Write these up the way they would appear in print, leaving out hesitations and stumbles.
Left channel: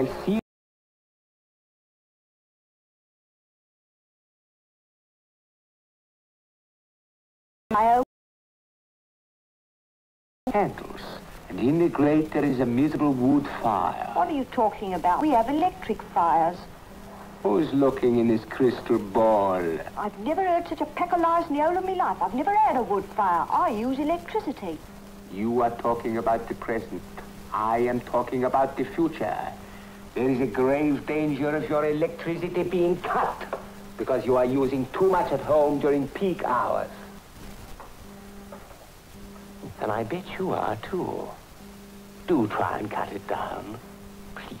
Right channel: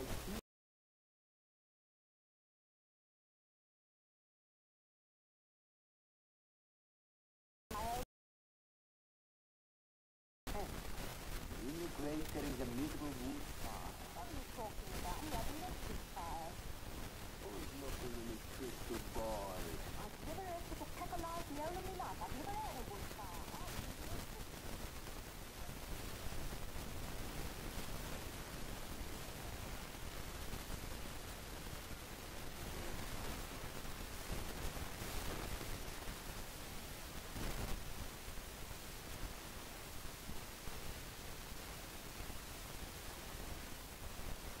I'll see you. Candles, and in the grate there is a miserable wood fire. What are you talking about? We have electric fires. Who's looking in this crystal ball? I've never heard such a peck of lies in the whole of my life. I've never had a wood fire. I use electricity. You are talking about the present. I am talking about the future. There is a grave danger of your electricity being cut because you are using too much at home during peak hours. And I bet you are, too. Do try and cut it down, please.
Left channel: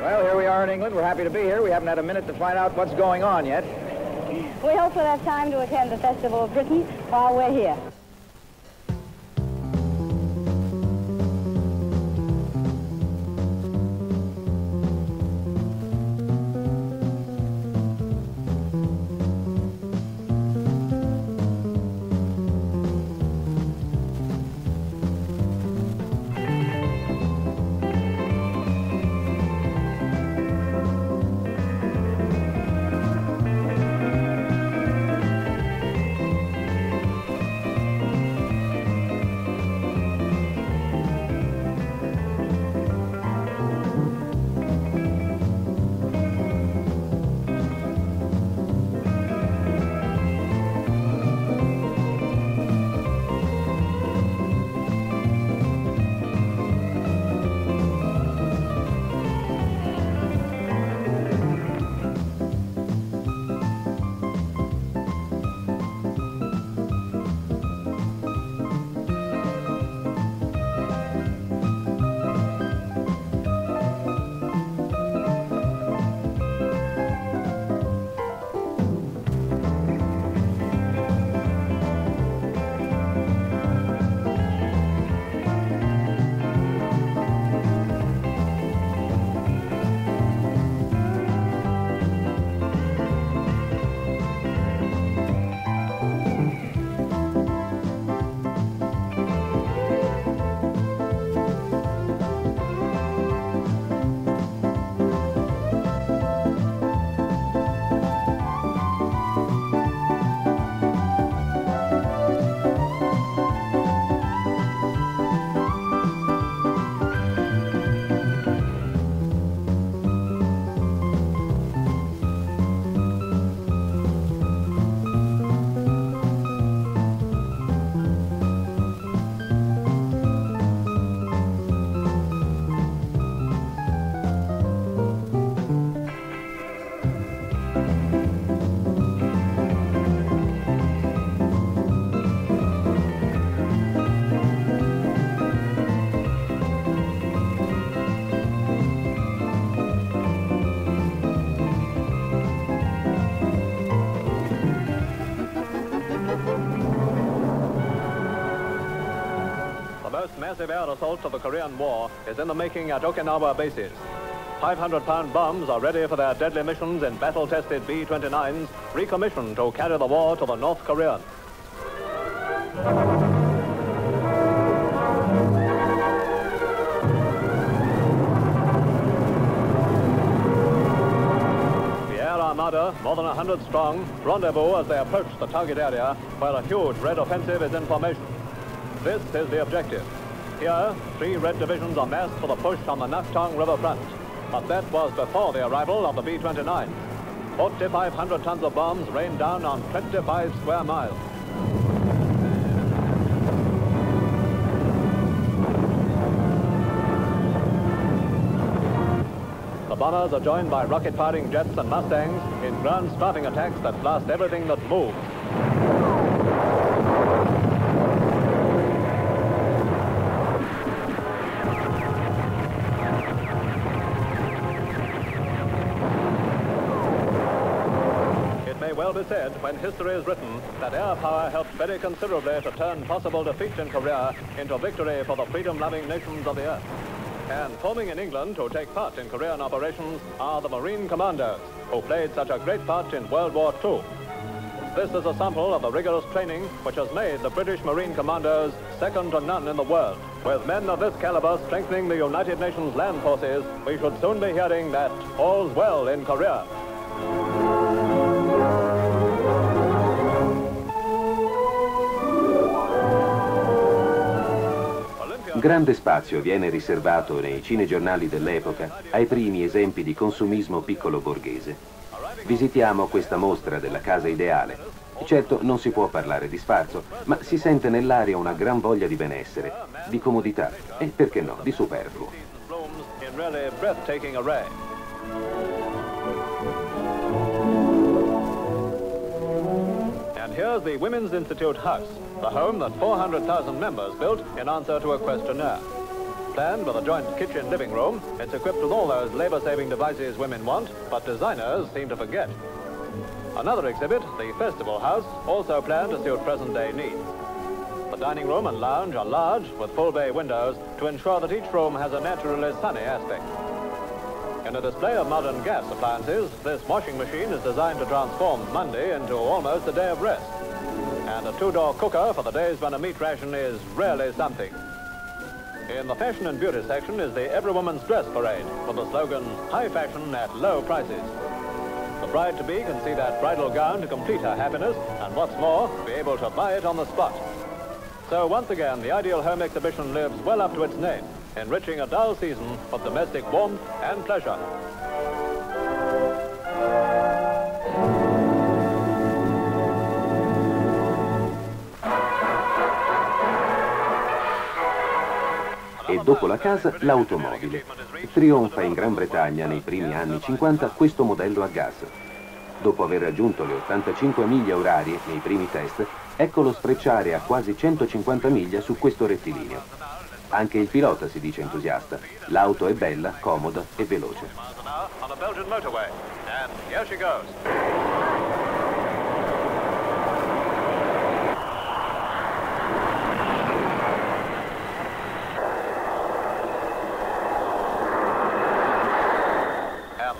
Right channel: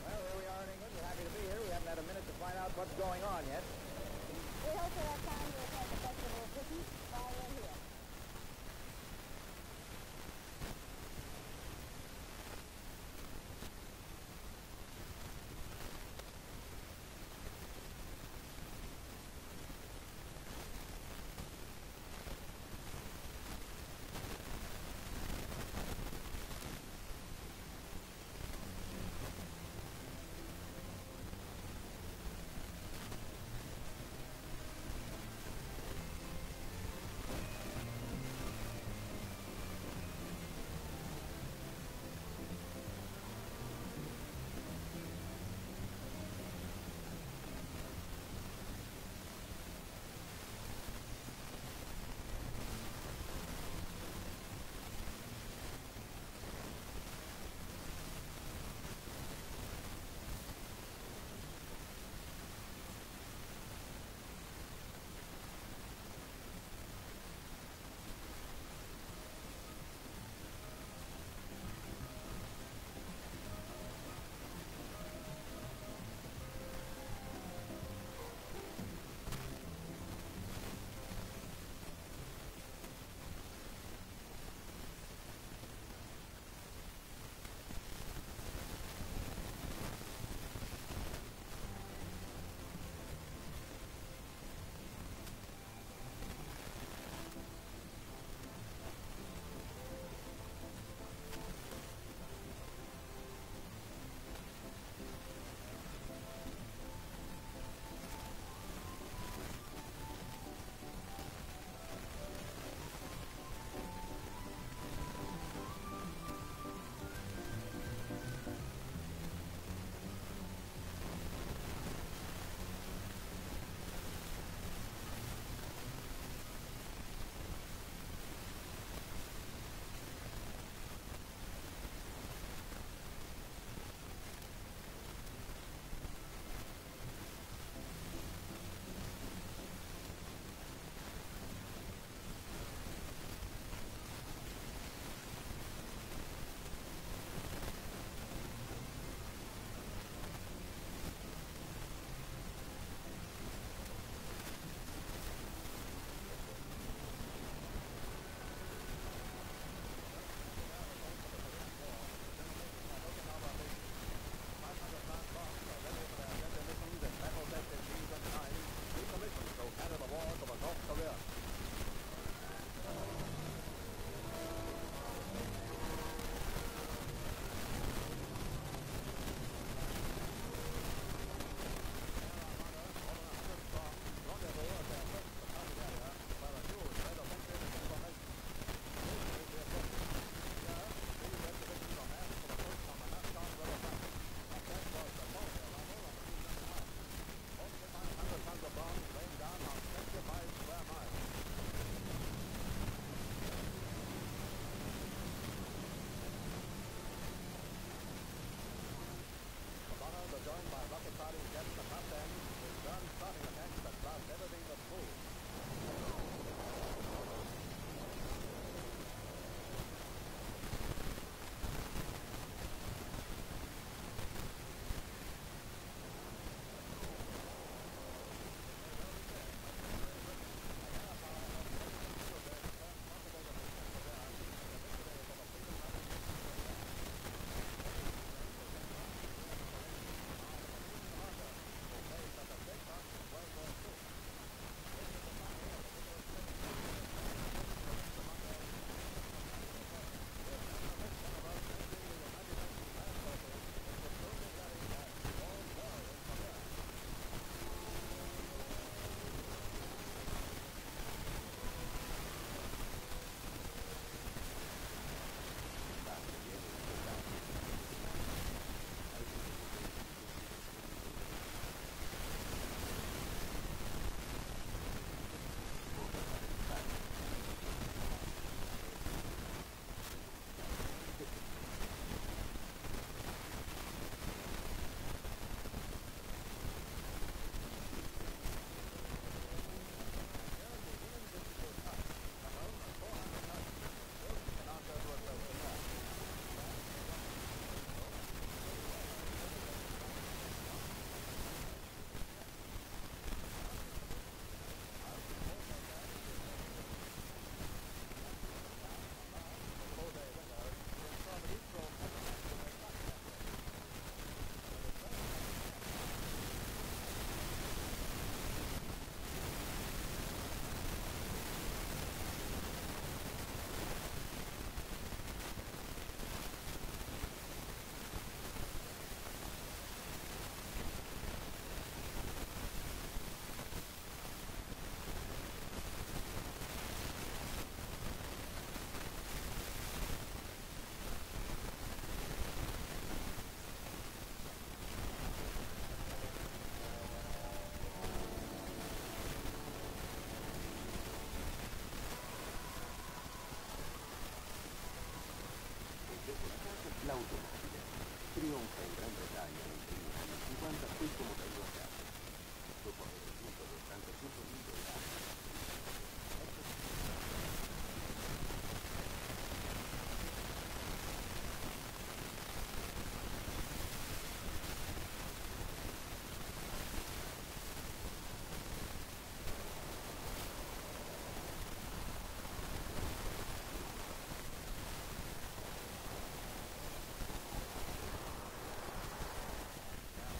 Well, here we are in England. We're happy to be here. We haven't had a minute to find out what's going on yet. We hope we'll have time to attend the Festival of Britain while we're here. first massive air assault of the Korean War is in the making at Okinawa bases. 500-pound bombs are ready for their deadly missions in battle-tested B-29s, recommissioned to carry the war to the North Koreans. The Air Armada, more than 100 strong, rendezvous as they approach the target area where a huge Red offensive is in formation. This is the objective. Here, 3 Red divisions are massed for the push on the Naktong River front. But that was before the arrival of the B-29. 4,500 tons of bombs rained down on 25 square miles. The bombers are joined by rocket-firing jets and Mustangs in ground-starving attacks that blast everything that moves. Well be said, when history is written, that air power helped very considerably to turn possible defeat in Korea into victory for the freedom-loving nations of the earth. And forming in England to take part in Korean operations are the Marine Commandos, who played such a great part in World War II. This is a sample of the rigorous training which has made the British Marine Commandos second to none in the world. With men of this caliber strengthening the United Nations land forces, we should soon be hearing that all's well in Korea. Grande spazio viene riservato nei cinegiornali dell'epoca ai primi esempi di consumismo piccolo borghese. Visitiamo questa mostra della casa ideale. Certo non si può parlare di sfarzo, ma si sente nell'aria una gran voglia di benessere, di comodità e, perché no, di superfluo. And here's the Women's Institute House, the home that 400,000 members built in answer to a questionnaire. Planned with a joint kitchen living room, it's equipped with all those labor-saving devices women want, but designers seem to forget. Another exhibit, the Festival House, also planned to suit present-day needs. The dining room and lounge are large, with full bay windows, to ensure that each room has a naturally sunny aspect. In a display of modern gas appliances, this washing machine is designed to transform Monday into almost a day of rest. And a 2-door cooker for the days when a meat ration is really something. In the fashion and beauty section is the Every Woman's Dress Parade, with the slogan, high fashion at low prices. The bride-to-be can see that bridal gown to complete her happiness, and what's more, be able to buy it on the spot. So once again, the Ideal Home Exhibition lives well up to its name, enriching a dull season of domestic warmth and pleasure. E dopo la casa, l'automobile. Trionfa in Gran Bretagna nei primi anni 50 questo modello a gas. Dopo aver raggiunto le 85 miglia orarie nei primi test, eccolo sfrecciare a quasi 150 miglia su questo rettilineo. Anche il pilota si dice entusiasta. L'auto è bella, comoda e veloce.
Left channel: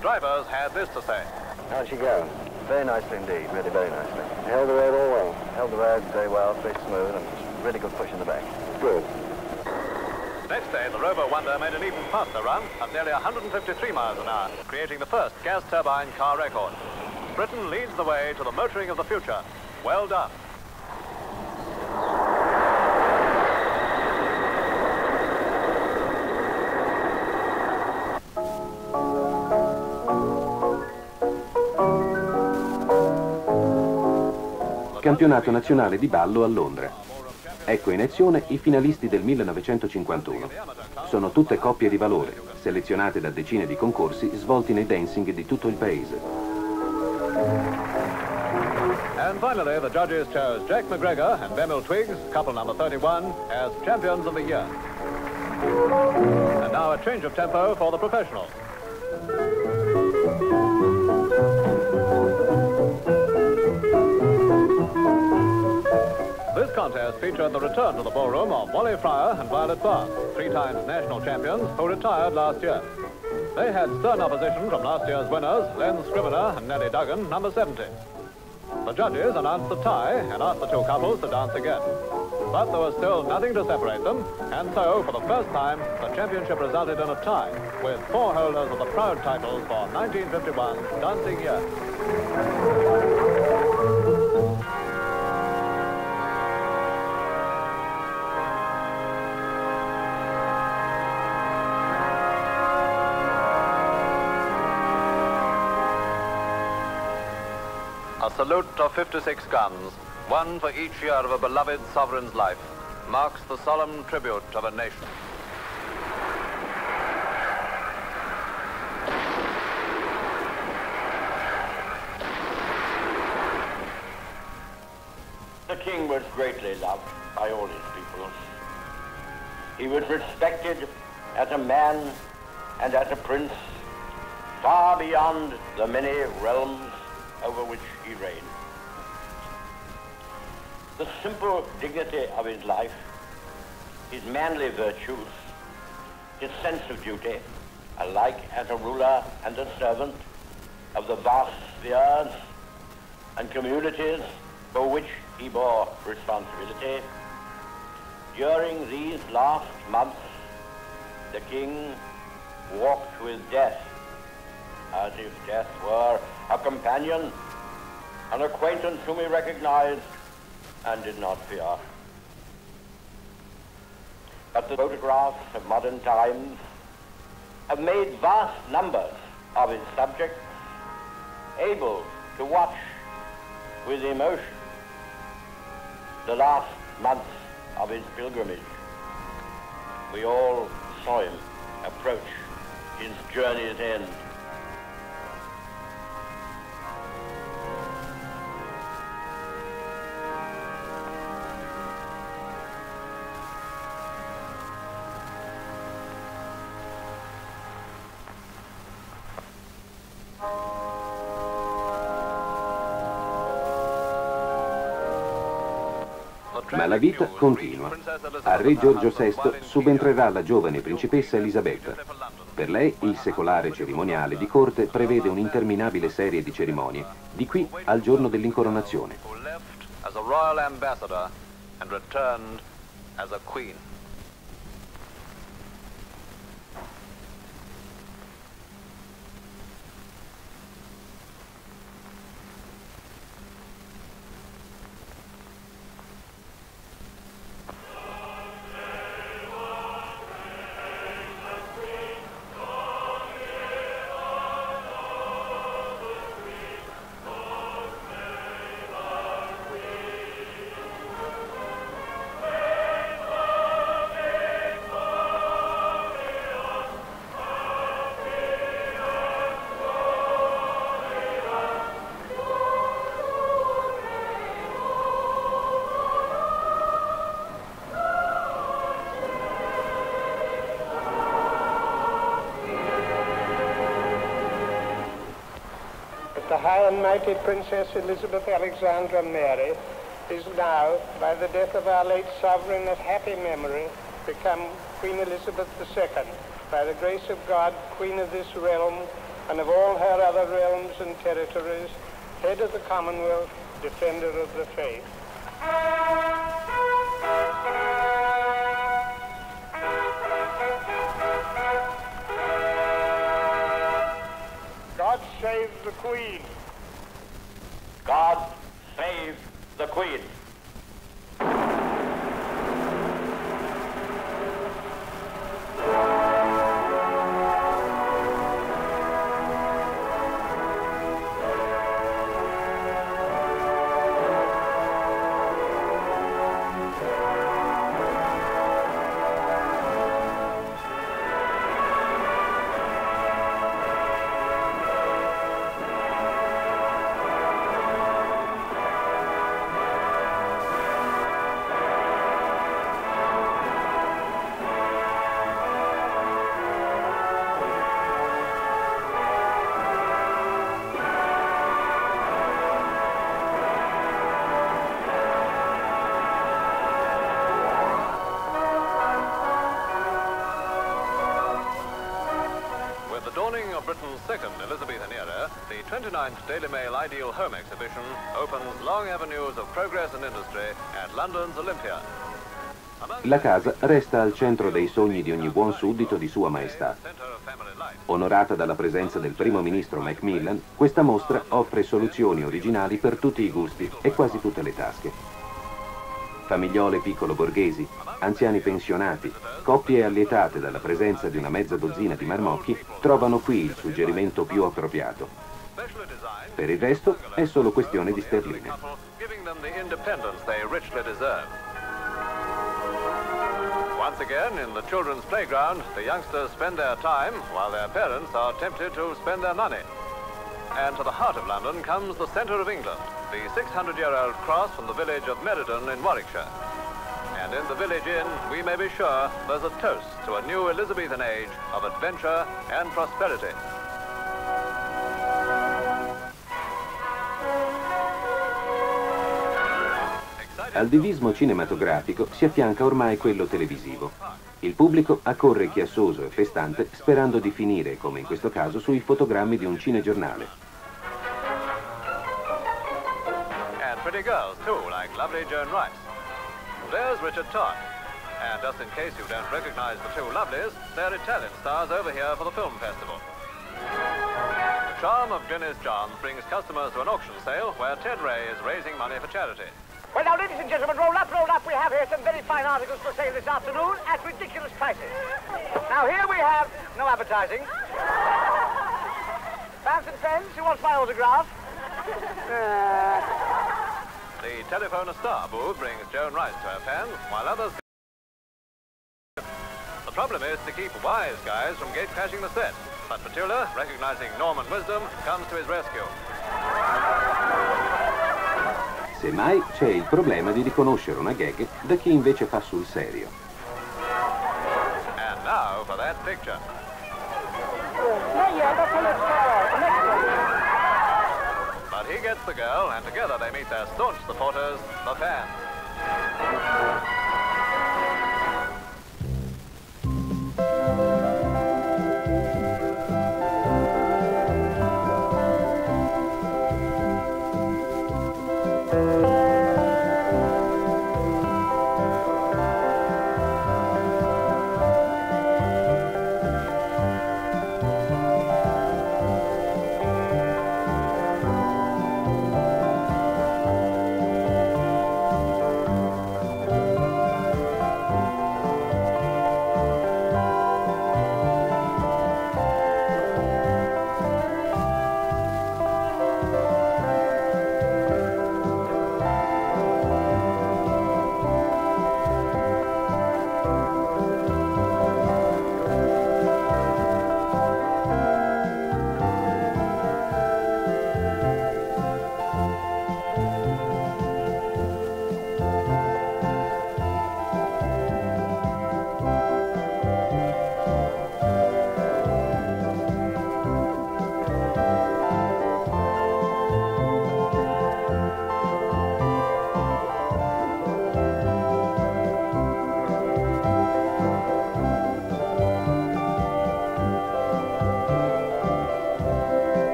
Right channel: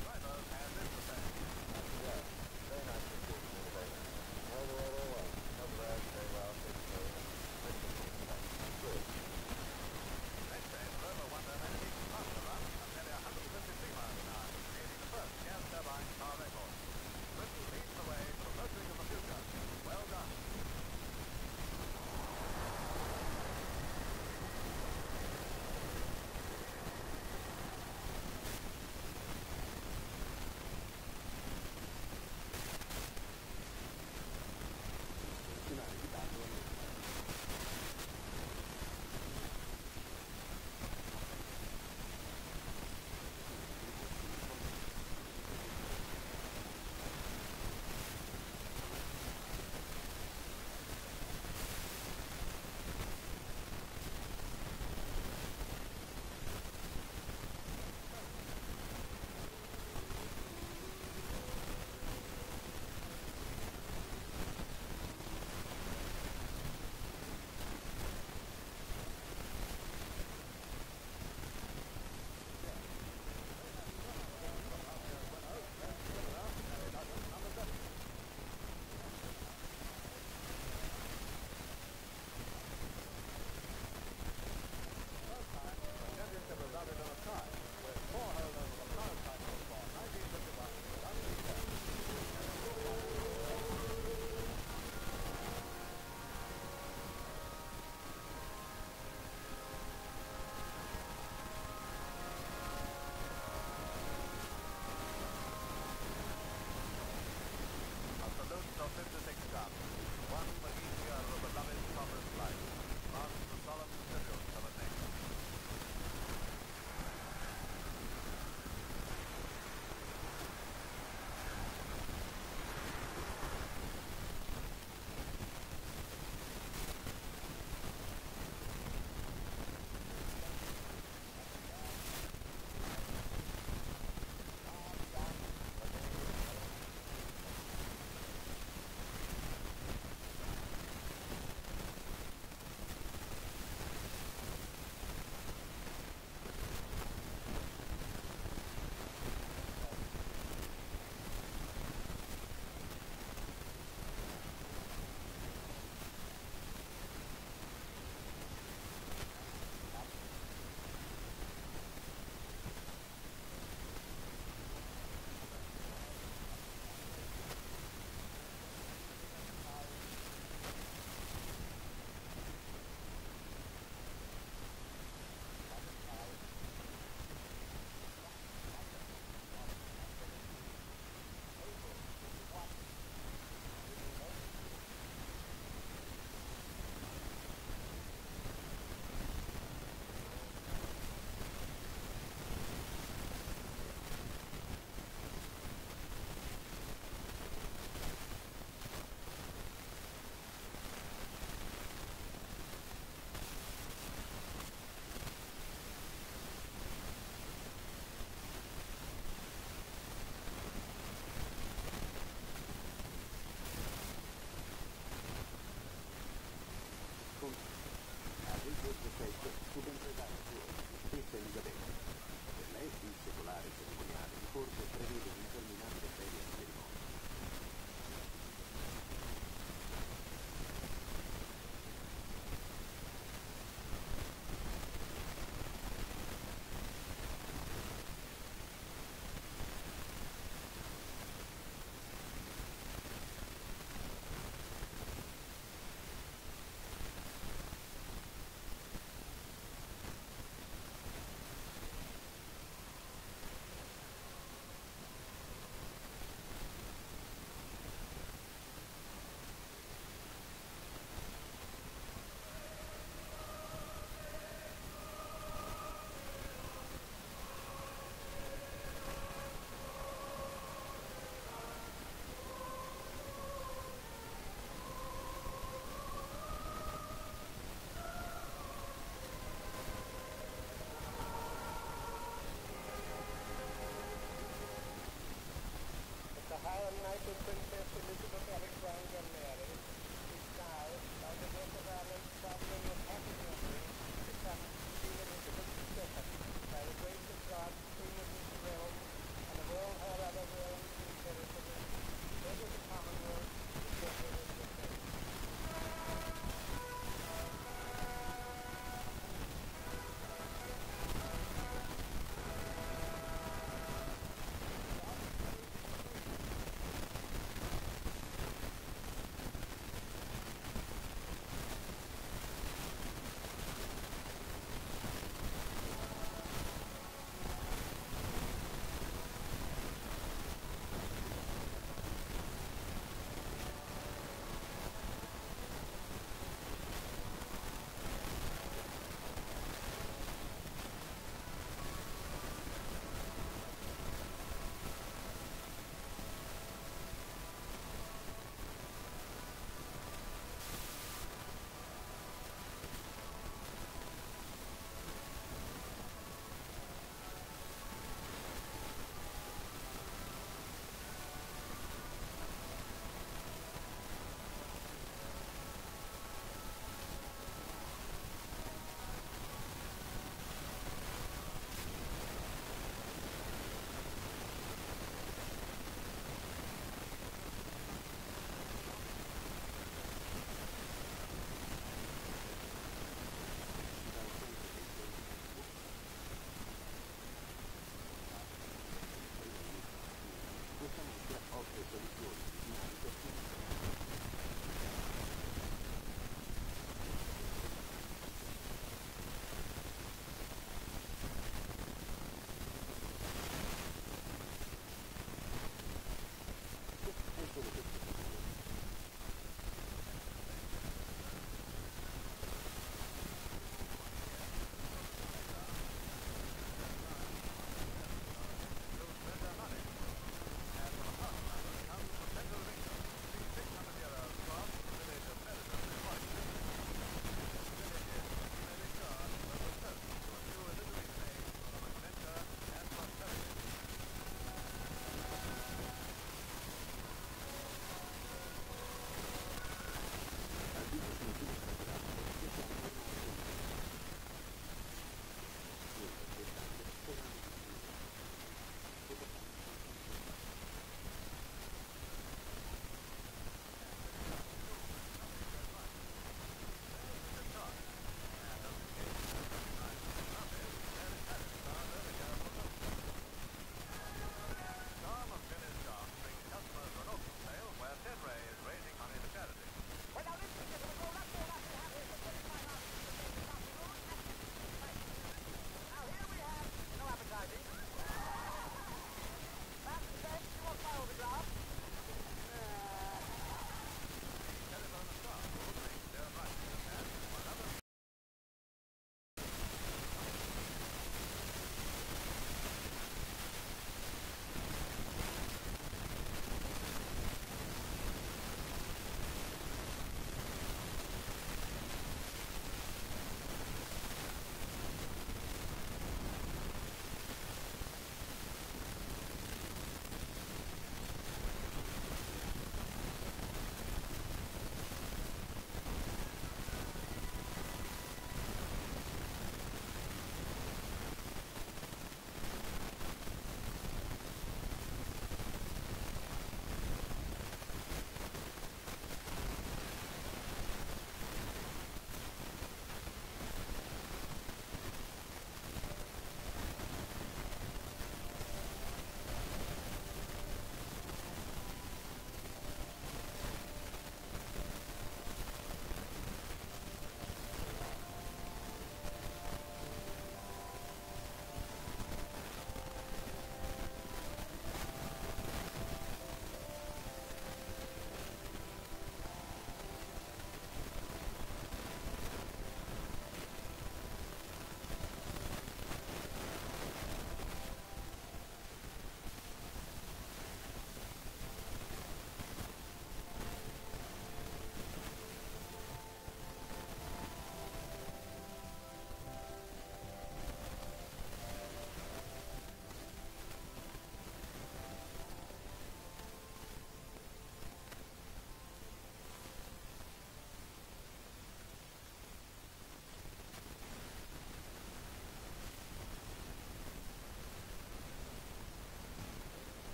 Drivers had this to say. How'd she go? Very nicely indeed, really very nicely. Held the road all well. Held the road very well, very smooth, and really good push in the back. Good. Next day, the Rover Wonder made an even faster run at nearly 153 miles an hour, creating the first gas turbine car record. Britain leads the way to the motoring of the future. Well done. Campionato nazionale di ballo a Londra. Ecco in azione i finalisti del 1951. Sono tutte coppie di valore, selezionate da decine di concorsi svolti nei dancing di tutto il paese. And finally, the judges chose Jack McGregor and Bemil Twiggs, couple number 31, as champions of the year. And now a change of tempo for the professionals. This contest featured the return to the ballroom of Wally Fryer and Violet Barnes, 3 times national champions who retired last year. They had stern opposition from last year's winners, Len Scrivener and Nellie Duggan, number 70. The judges announced the tie and asked the 2 couples to dance again. But there was still nothing to separate them, and so, for the first time, the championship resulted in a tie, with 4 holders of the proud titles for 1951 dancing here. A salute of 56 guns, one for each year of a beloved sovereign's life, marks the solemn tribute of a nation. The king was greatly loved by all his people. He was respected as a man and as a prince, far beyond the many realms over which he reigned. The simple dignity of his life, his manly virtues, his sense of duty, alike as a ruler and a servant of the vast spheres and communities for which he bore responsibility, during these last months, the king walked with death, as if death were a companion, an acquaintance whom he recognized and did not fear. But the photographs of modern times have made vast numbers of his subjects able to watch with emotion the last months of his pilgrimage. We all saw him approach his journey's end. Ma la vita continua. A re Giorgio VI subentrerà la giovane principessa Elisabetta. Per lei il secolare cerimoniale di corte prevede un'interminabile serie di cerimonie, di qui al giorno dell'incoronazione. Who left as a royal ambassador and returned as a queen. The High and Mighty Princess Elizabeth Alexandra Mary is now, by the death of our late sovereign of happy memory, become Queen Elizabeth II, by the grace of God, Queen of this realm and of all her other realms and territories, head of the Commonwealth, defender of the faith. God save the Queen. God save the Queen. 29th Daily Mail Ideal Home Exhibition opens long avenues of progress and industry at London's Olympia. La casa resta al centro dei sogni di ogni buon suddito di Sua Maestà. Onorata dalla presenza del primo ministro Macmillan, questa mostra offre soluzioni originali per tutti i gusti e quasi tutte le tasche. Famigliole piccolo-borghesi, anziani pensionati, coppie allietate dalla presenza di una mezza dozzina di marmocchi trovano qui il suggerimento più appropriato. Per il resto è solo questione di sterline. Once again, in the children's playground, the youngsters spend their time while their parents are tempted to spend their money. And to the heart of London comes the centre of England, the 600-year-old cross from the village of Meriden in Warwickshire. And in the village inn, we may be sure there's a toast to a new Elizabethan age of adventure and prosperity. Al divismo cinematografico si affianca ormai quello televisivo. Il pubblico accorre chiassoso e festante sperando di finire, come in questo caso, sui fotogrammi di un cinegiornale. And pretty girls too, like lovely Joan Wright. There's Richard Todd. And just in case you don't recognize the two lovelies, they're Italian stars over here for the film festival. The charm of Glynis Johns brings customers to an auction sale where Ted Ray is raising money for charity. Well, now, ladies and gentlemen, roll up. We have here some very fine articles for sale this afternoon at ridiculous prices. Now, here we have no advertising. Fans and friends, who wants my autograph? The telephone star booth brings Joan Rice to her fans, while others... The problem is to keep wise guys from gate-crashing the set. But Petula, recognizing Norman wisdom, comes to his rescue. Semmai c'è il problema di riconoscere una gag da chi invece fa sul serio. And now for that picture. But he gets the girl, and together they meet their staunch supporters, the fans.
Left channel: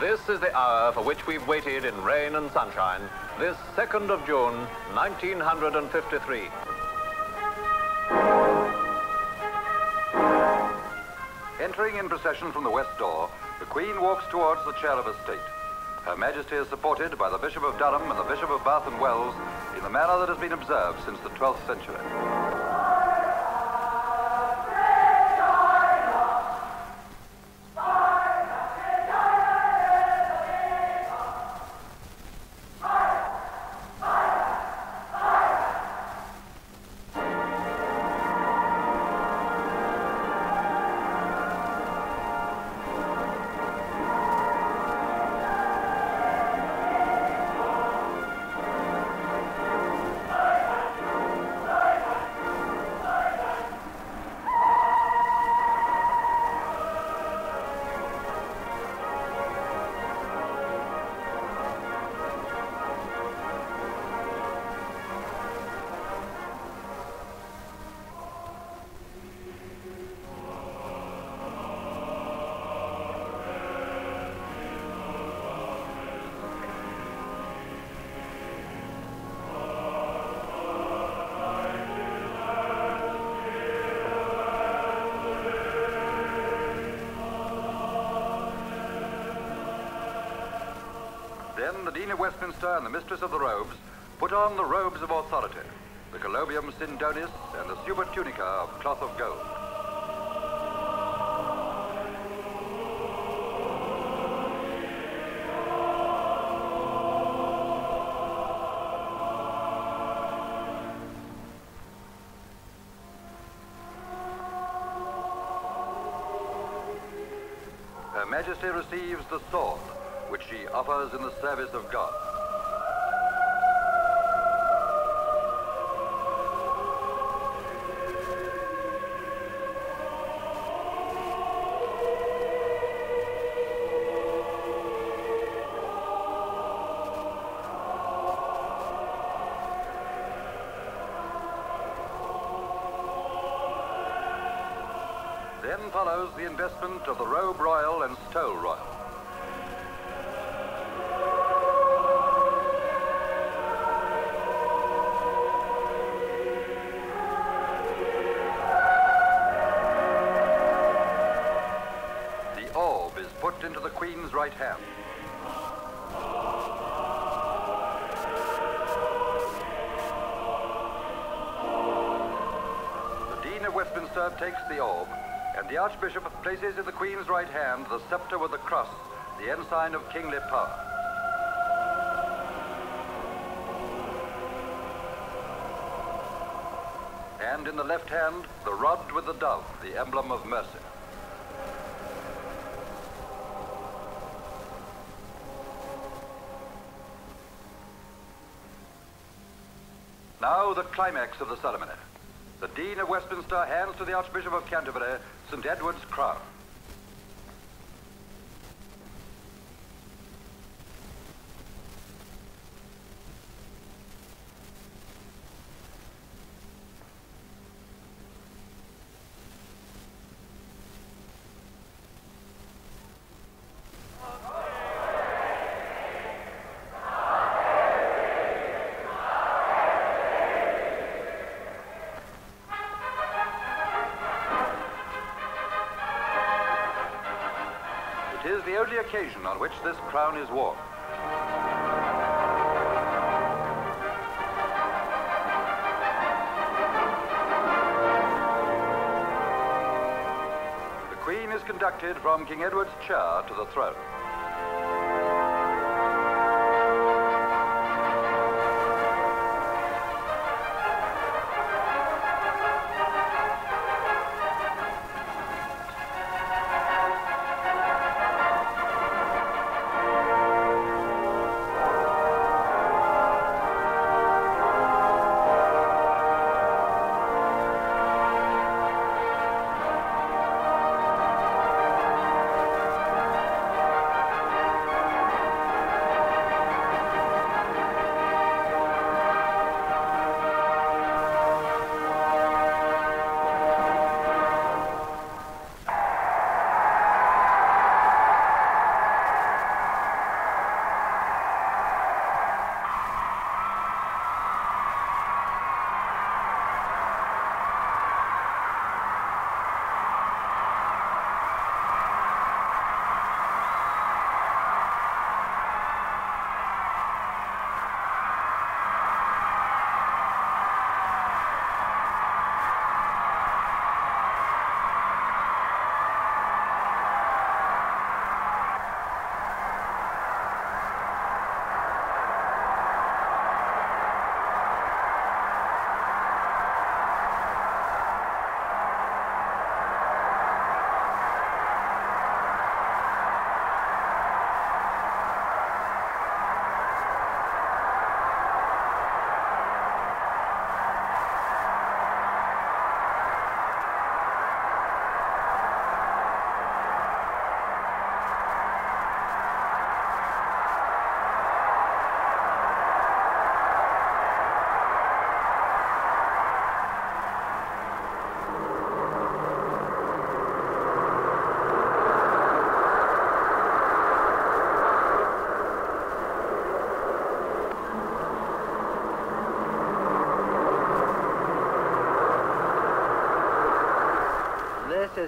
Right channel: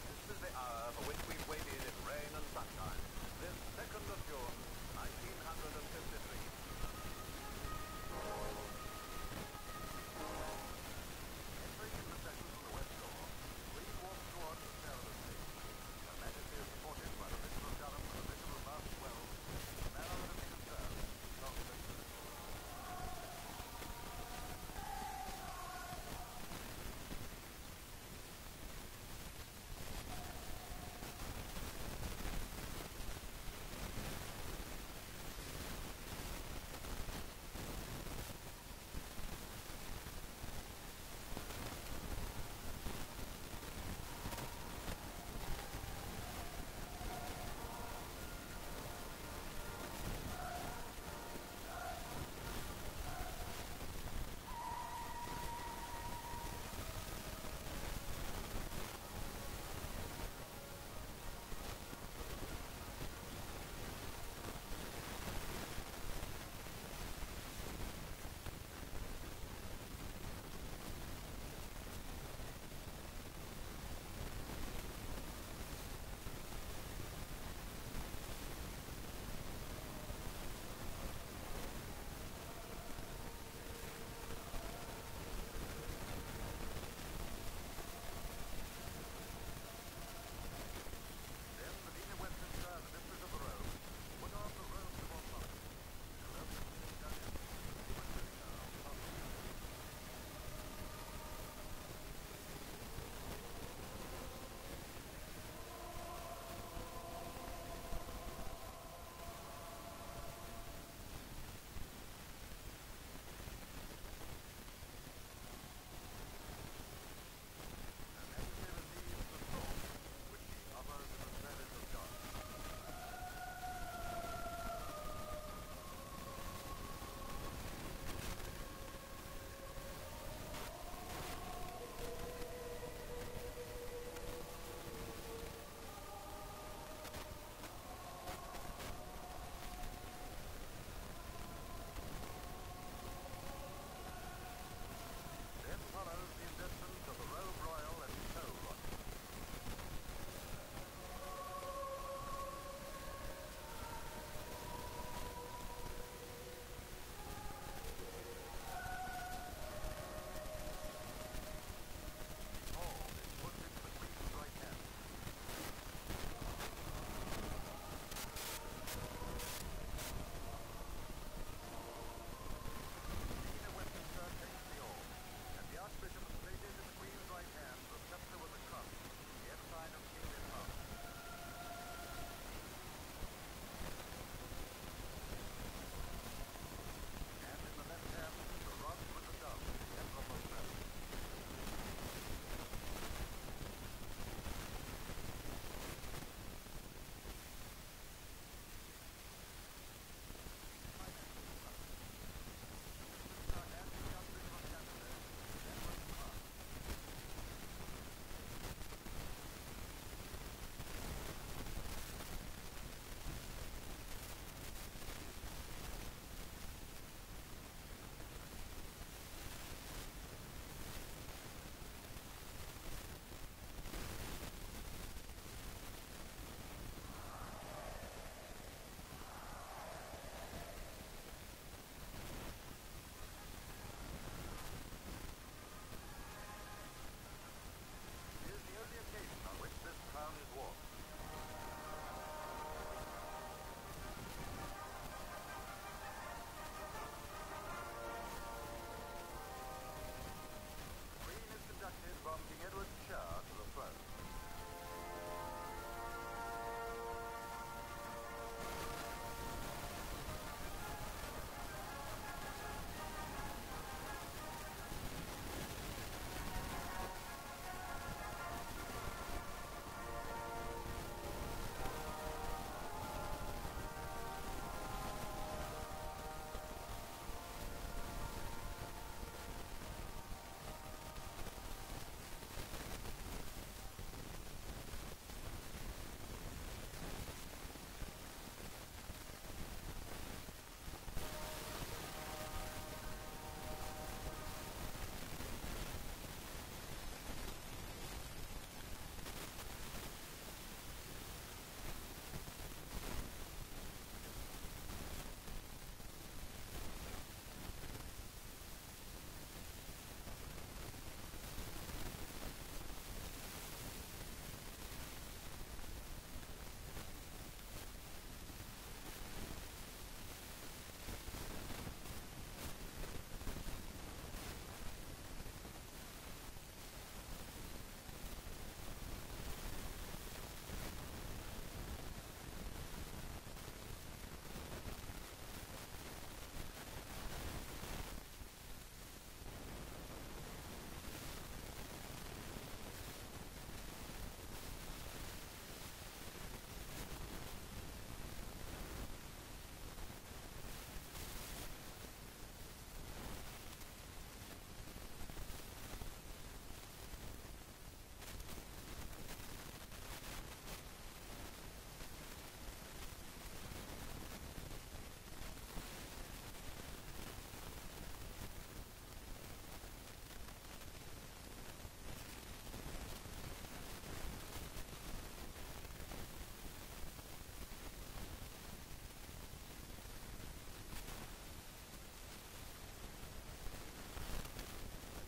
This is the hour for which we've waited in rain and sunshine, this 2nd of June, 1953. Entering in procession from the west door, the Queen walks towards the chair of estate. Her Majesty is supported by the Bishop of Durham and the Bishop of Bath and Wells in the manner that has been observed since the 12th century. Then the Dean of Westminster and the Mistress of the Robes put on the robes of authority, the colobium syndonis and the supertunica of cloth of gold. Her Majesty receives the sword, which she offers in the service of God. Then follows the investment of the robe royal and stole royal. Put into the Queen's right hand. The Dean of Westminster takes the orb, and the Archbishop places in the Queen's right hand the scepter with the cross, the ensign of kingly power. And in the left hand, the rod with the dove, the emblem of mercy. Now the climax of the ceremony. The Dean of Westminster hands to the Archbishop of Canterbury St. Edward's crown. It is the only occasion on which this crown is worn. The Queen is conducted from King Edward's chair to the throne.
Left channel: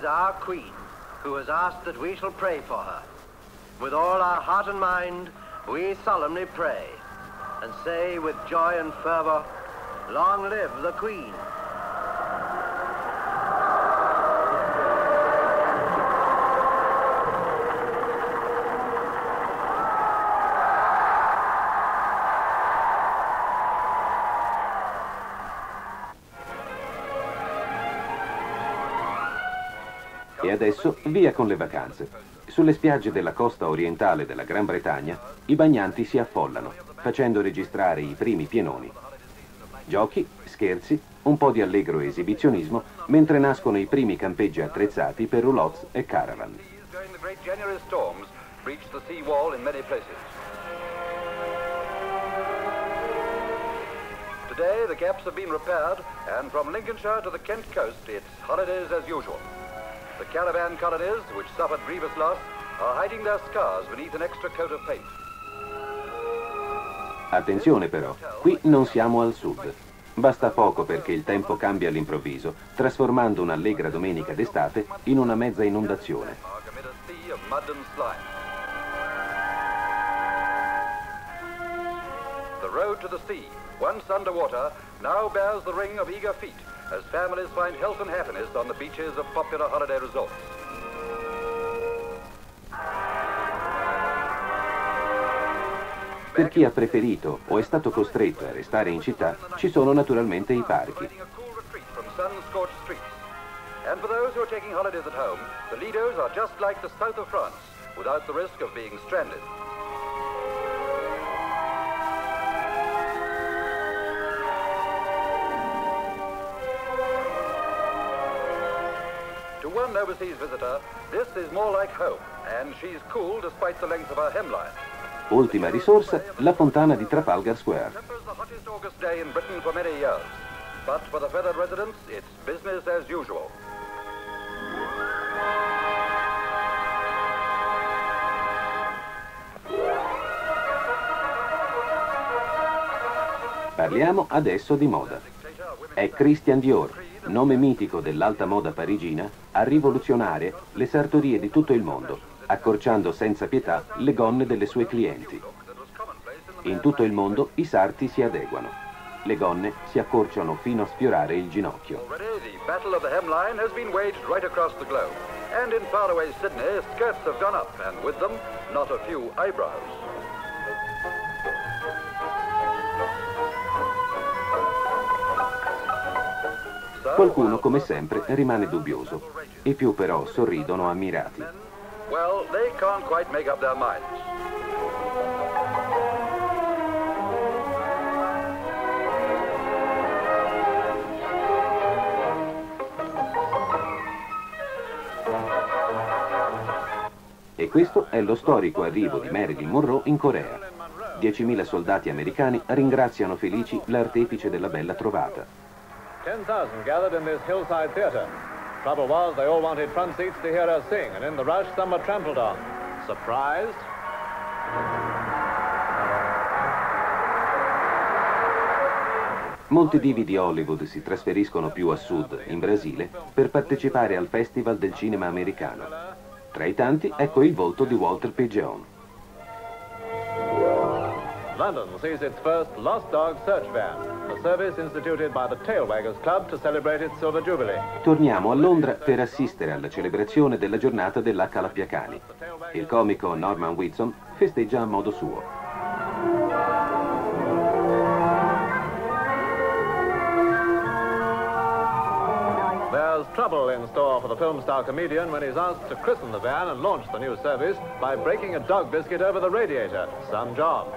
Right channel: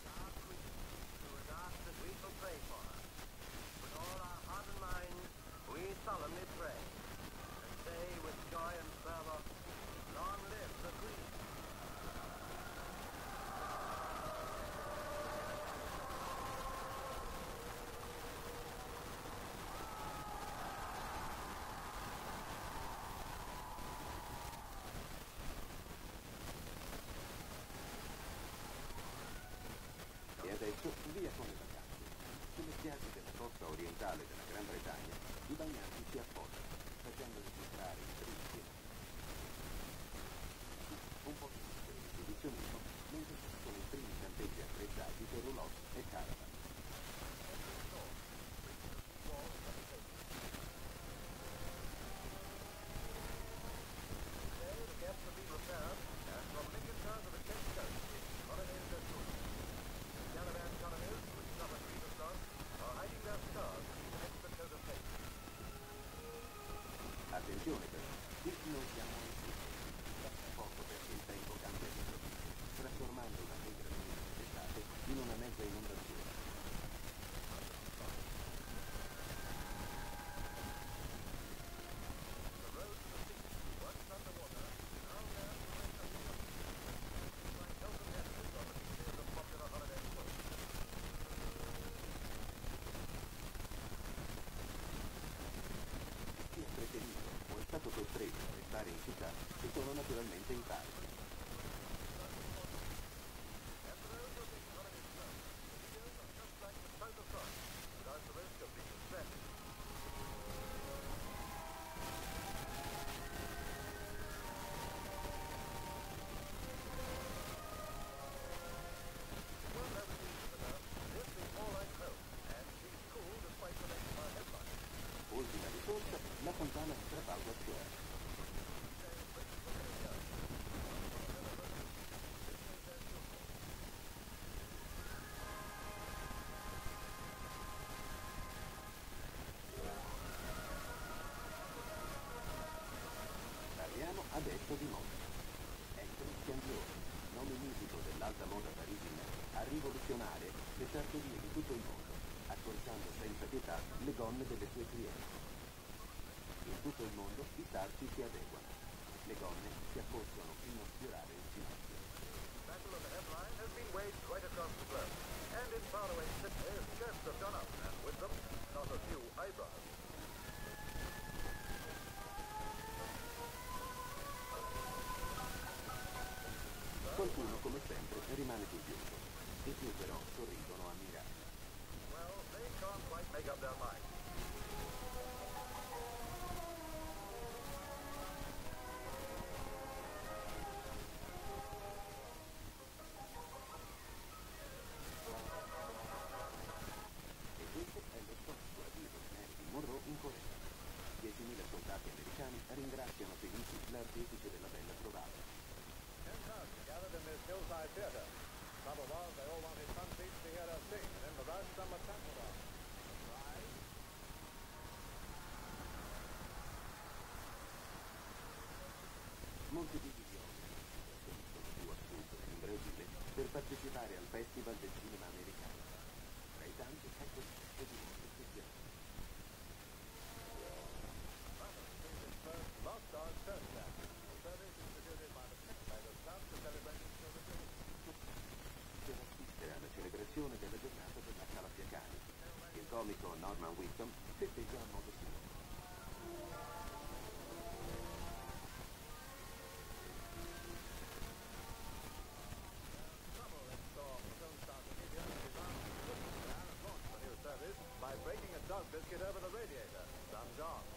is our Queen, who has asked that we shall pray for her. With all our heart and mind, we solemnly pray, and say with joy and fervor, long live the Queen. E adesso via con le vacanze. Sulle spiagge della costa orientale della Gran Bretagna i bagnanti si affollano, facendo registrare i primi pienoni. Giochi, scherzi, un po' di allegro esibizionismo, mentre nascono i primi campeggi attrezzati per roulottes e caravan. Today the gaps have been repaired, and from Lincolnshire to the Kent coast it's holidays as usual. The caravan colonies, which suffered grievous loss, are hiding their scars beneath an extra coat of paint. Attenzione però, qui non siamo al sud. Basta poco perché il tempo cambia all'improvviso, trasformando un'allegra domenica d'estate in una mezza inondazione. The road to the sea, once underwater, now bears the ring of eager feet, as families find health and happiness on the beaches of popular holiday resorts. Per chi ha preferito o è stato costretto a restare in città, ci sono naturalmente i parchi. And for those who are taking holidays at home, the Lidos are just like the south of France, without the risk of being stranded. To one overseas visitor, this is more like home, and she's cool despite the length of her hemline. Ultima risorsa, la fontana di Trafalgar Square. The hottest August day in Britain for many years, but for the feathered residents, it's business as usual. Parliamo adesso di moda. È Christian Dior, nome mitico dell'alta moda parigina, a rivoluzionare le sartorie di tutto il mondo, accorciando senza pietà le gonne delle sue clienti. In tutto il mondo i sarti si adeguano. Le gonne si accorciano fino a sfiorare il ginocchio. The battle of the hemline has been waged right across the globe, and in faraway Sydney, skirts have gone up, and with them, not a few eyebrows. Qualcuno, come sempre, rimane dubbioso. I più però sorridono ammirati. Well, they can't quite make up their minds. E questo è lo storico arrivo di Marilyn Monroe in Corea. 10.000 soldati americani ringraziano felici l'artefice della bella trovata. 10,000 gathered in this hillside theater. Trouble was, they all wanted front seats to hear her sing, and in the rush, some were trampled on. Surprised? Molti divi di Hollywood si trasferiscono più a sud, in Brasile, per partecipare al Festival del cinema americano. Tra i tanti, ecco il volto di Walter P. Jones. London sees its first Lost Dog Search Van, a service instituted by the Tail Waggers Club to celebrate its Silver Jubilee. Torniamo a Londra per assistere alla celebrazione della giornata dell'H. Il comico Norman Whitson festeggia a modo suo. There's trouble in store for the film star comedian when he's asked to christen the van and launch the new service by breaking a dog biscuit over the radiator. Some job.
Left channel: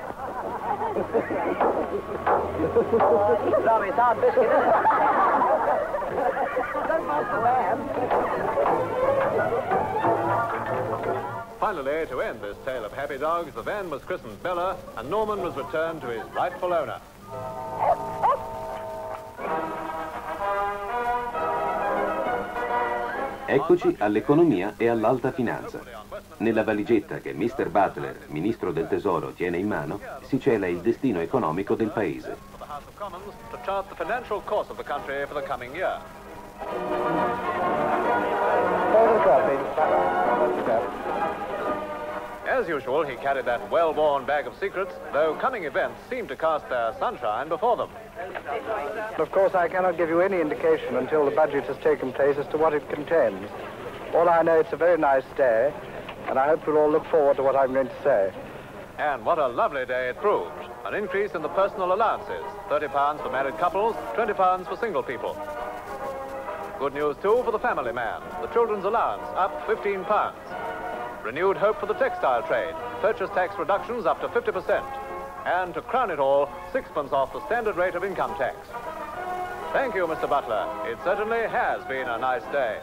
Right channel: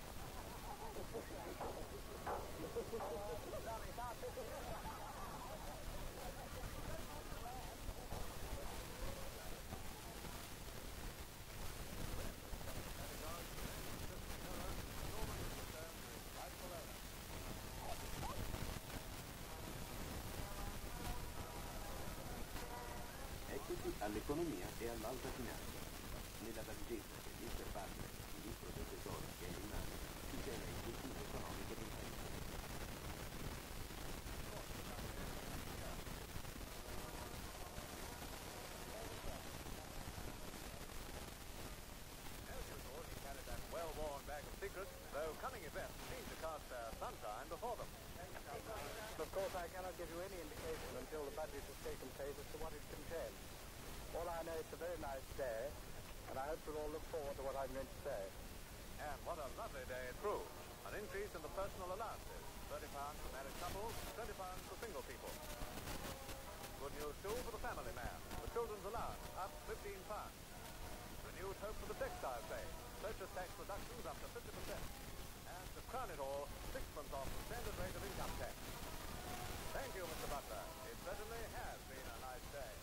Sorry, dog biscuit. Finally, to end this tale of happy dogs, the van was christened Bella and Norman was returned to his rightful owner. Eccoci all'economia e all'alta finanza. Nella valigetta che Mr. Butler, ministro del tesoro, tiene in mano, si cela il destino economico del paese. To chart the financial course of the country for the coming year. As usual, he carried that well-worn bag of secrets, though coming events seemed to cast their sunshine before them. Of course, I cannot give you any indication until the budget has taken place as to what it contains. All I know, it's a very nice day, and I hope you'll all look forward to what I'm going to say. And what a lovely day it proved. An increase in the personal allowances, £30 for married couples, £20 for single people. Good news, too, for the family man. The children's allowance up £15. Renewed hope for the textile trade. Purchase tax reductions up to 50%. And to crown it all, 6pence off the standard rate of income tax. Thank you, Mr. Butler. It certainly has been a nice day.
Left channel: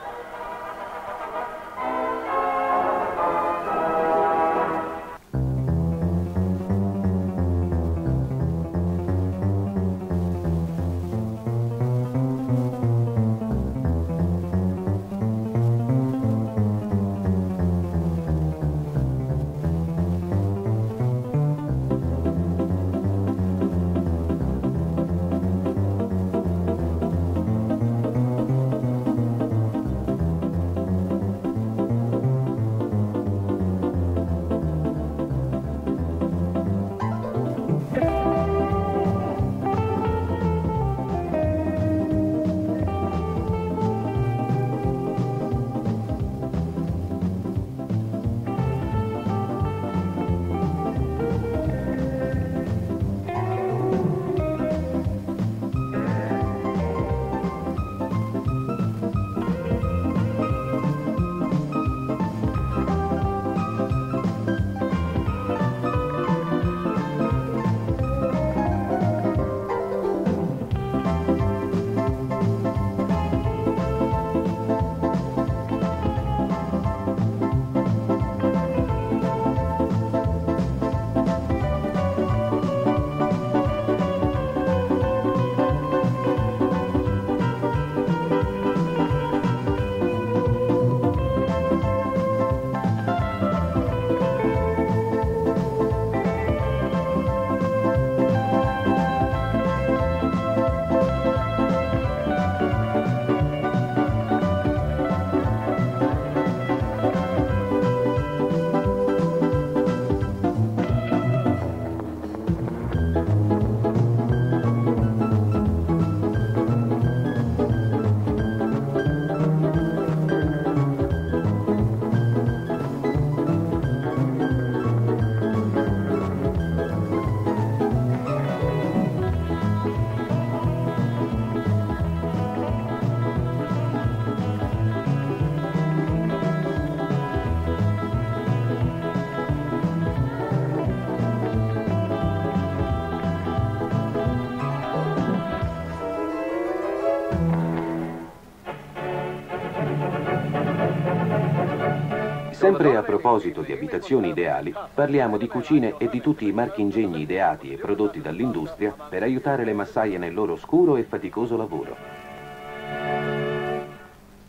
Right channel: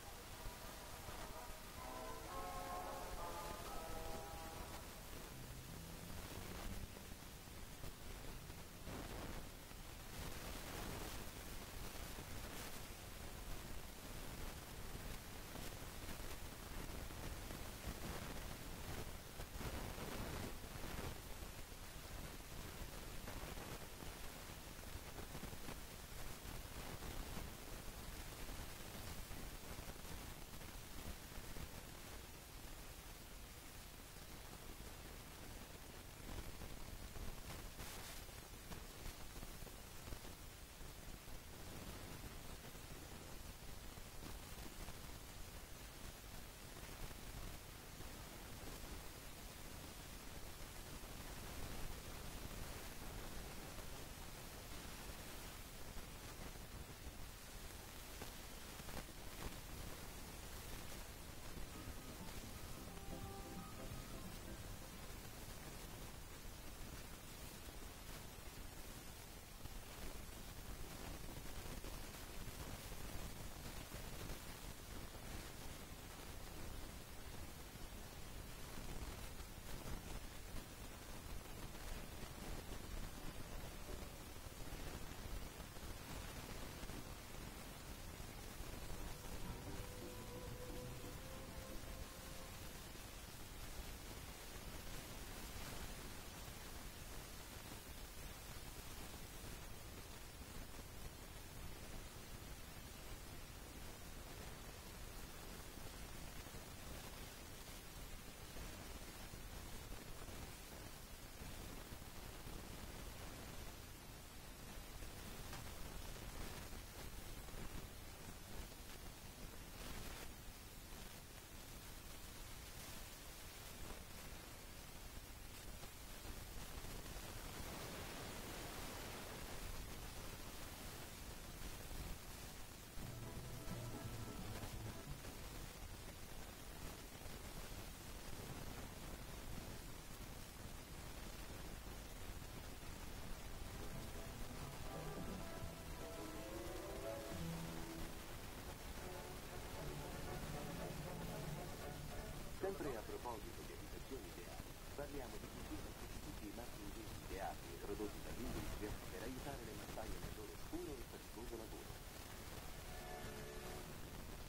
Sempre a proposito di abitazioni ideali, parliamo di cucine e di tutti i marchingegni ideati e prodotti dall'industria per aiutare le massaie nel loro oscuro e faticoso lavoro.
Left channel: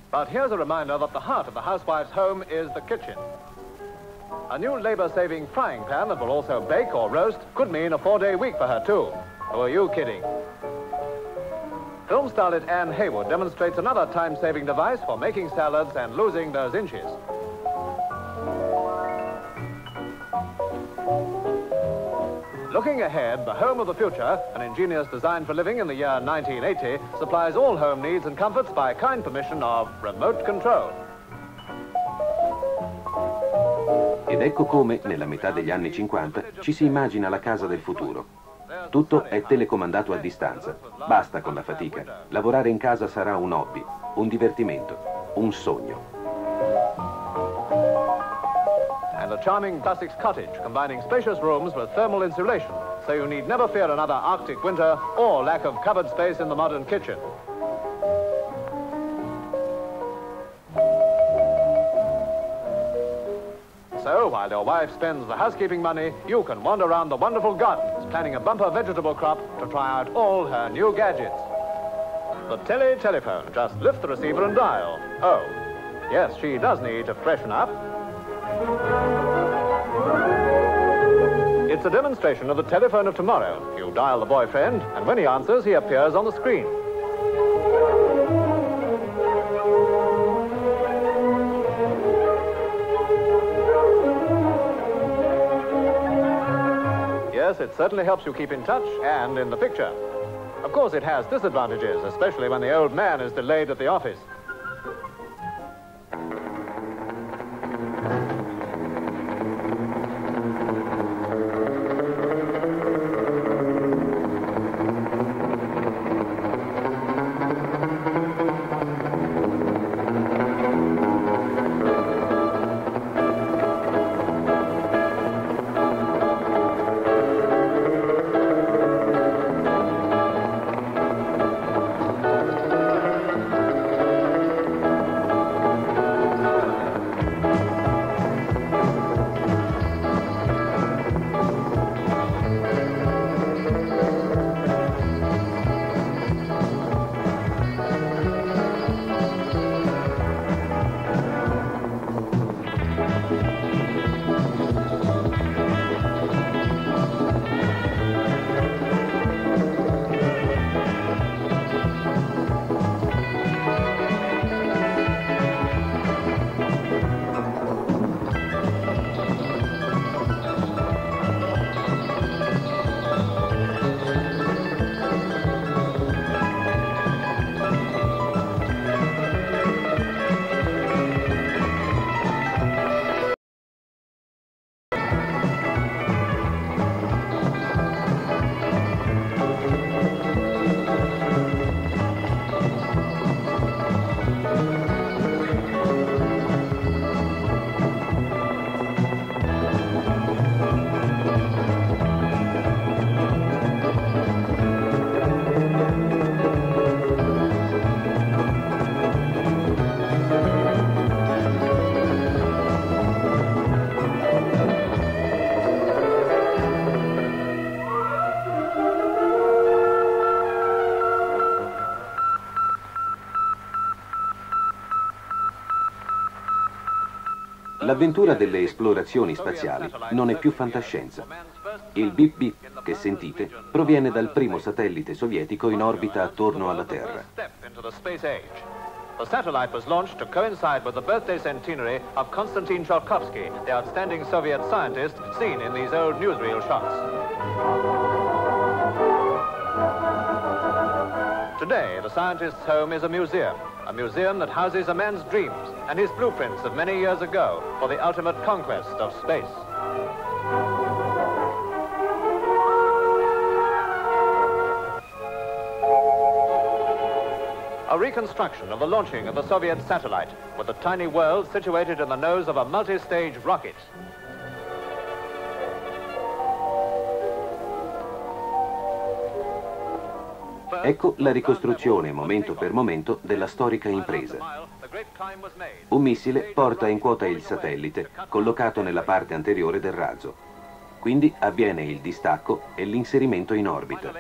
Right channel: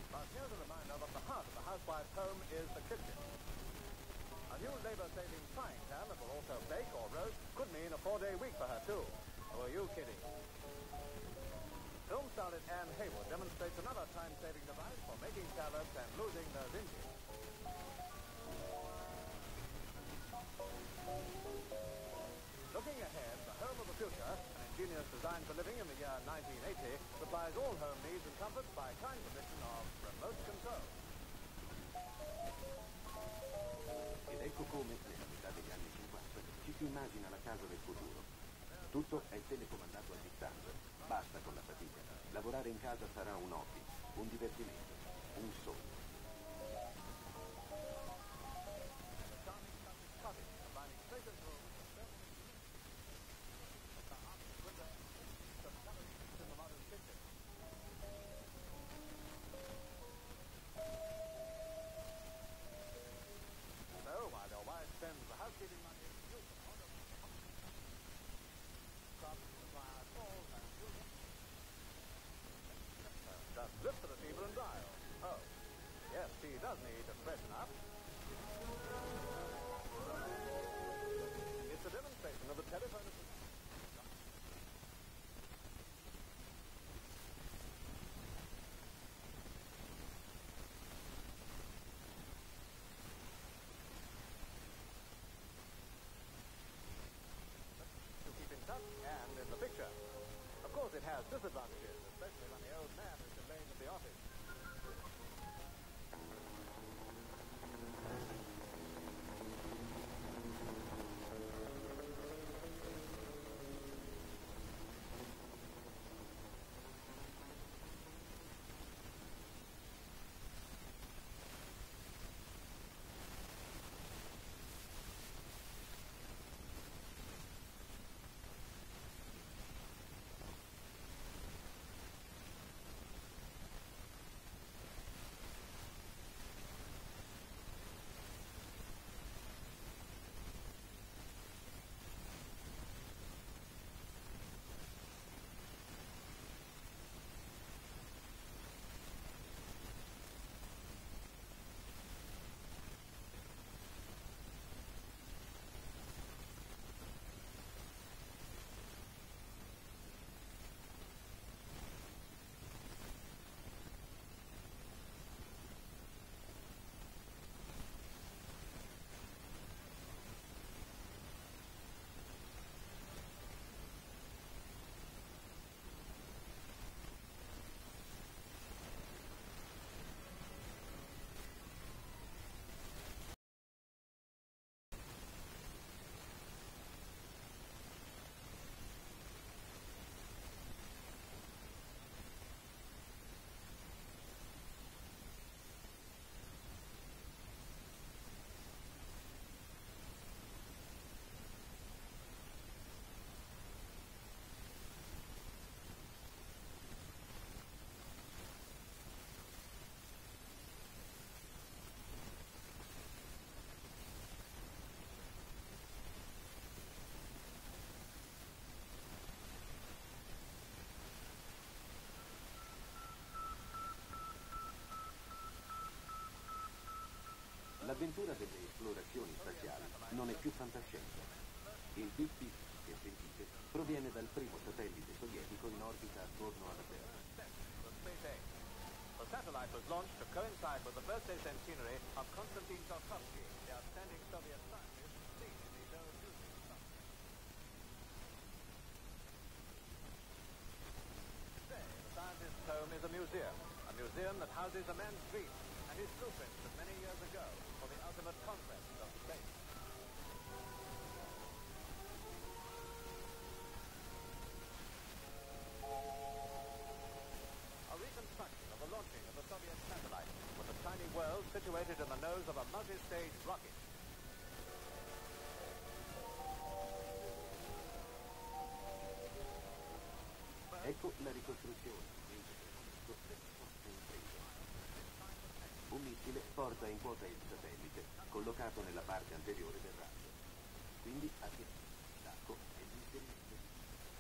But here's a reminder that the heart of the housewife's home is the kitchen. A new labor-saving frying pan that will also bake or roast could mean a 4-day week for her, too. Who are you kidding? Film starlet Anne Haywood demonstrates another time-saving device for making salads and losing those inches. Looking ahead, the home of the future, an ingenious design for living in the year 1980, supplies all home needs and comforts by kind permission of remote control. Ed ecco come, nella metà degli anni 50, ci si immagina la casa del futuro. Tutto è telecomandato a distanza. Basta con la fatica. Lavorare in casa sarà un hobby, un divertimento, un sogno. And a charming Sussex cottage combining spacious rooms with thermal insulation, so you need never fear another Arctic winter or lack of cupboard space in the modern kitchen. So, while your wife spends the housekeeping money, you can wander around the wonderful gardens, planning a bumper vegetable crop to try out all her new gadgets. The telephone. Just lift the receiver and dial. Oh, yes, she does need to freshen up. It's a demonstration of the telephone of tomorrow. You dial the boyfriend, and when he answers, he appears on the screen. Yes, it certainly helps you keep in touch and in the picture. Of course, it has disadvantages, especially when the old man is delayed at the office. L'avventura delle esplorazioni spaziali non è più fantascienza. Il bip bip che sentite proviene dal primo satellite sovietico in orbita attorno alla Terra. The satellite was launched to coincide with the birthday centenary of Konstantin Tsiolkovsky, the outstanding Soviet scientist seen in these old newsreel shots. Today, the scientist's home is a museum that houses a man's dreams and his blueprints of many years ago for the ultimate conquest of space. A reconstruction of the launching of the Soviet satellite, with the tiny world situated in the nose of a multi-stage rocket. Ecco la ricostruzione, momento per momento, della storica impresa. Un missile porta in quota il satellite, collocato nella parte anteriore del razzo. Quindi avviene il distacco e l'inserimento in orbita.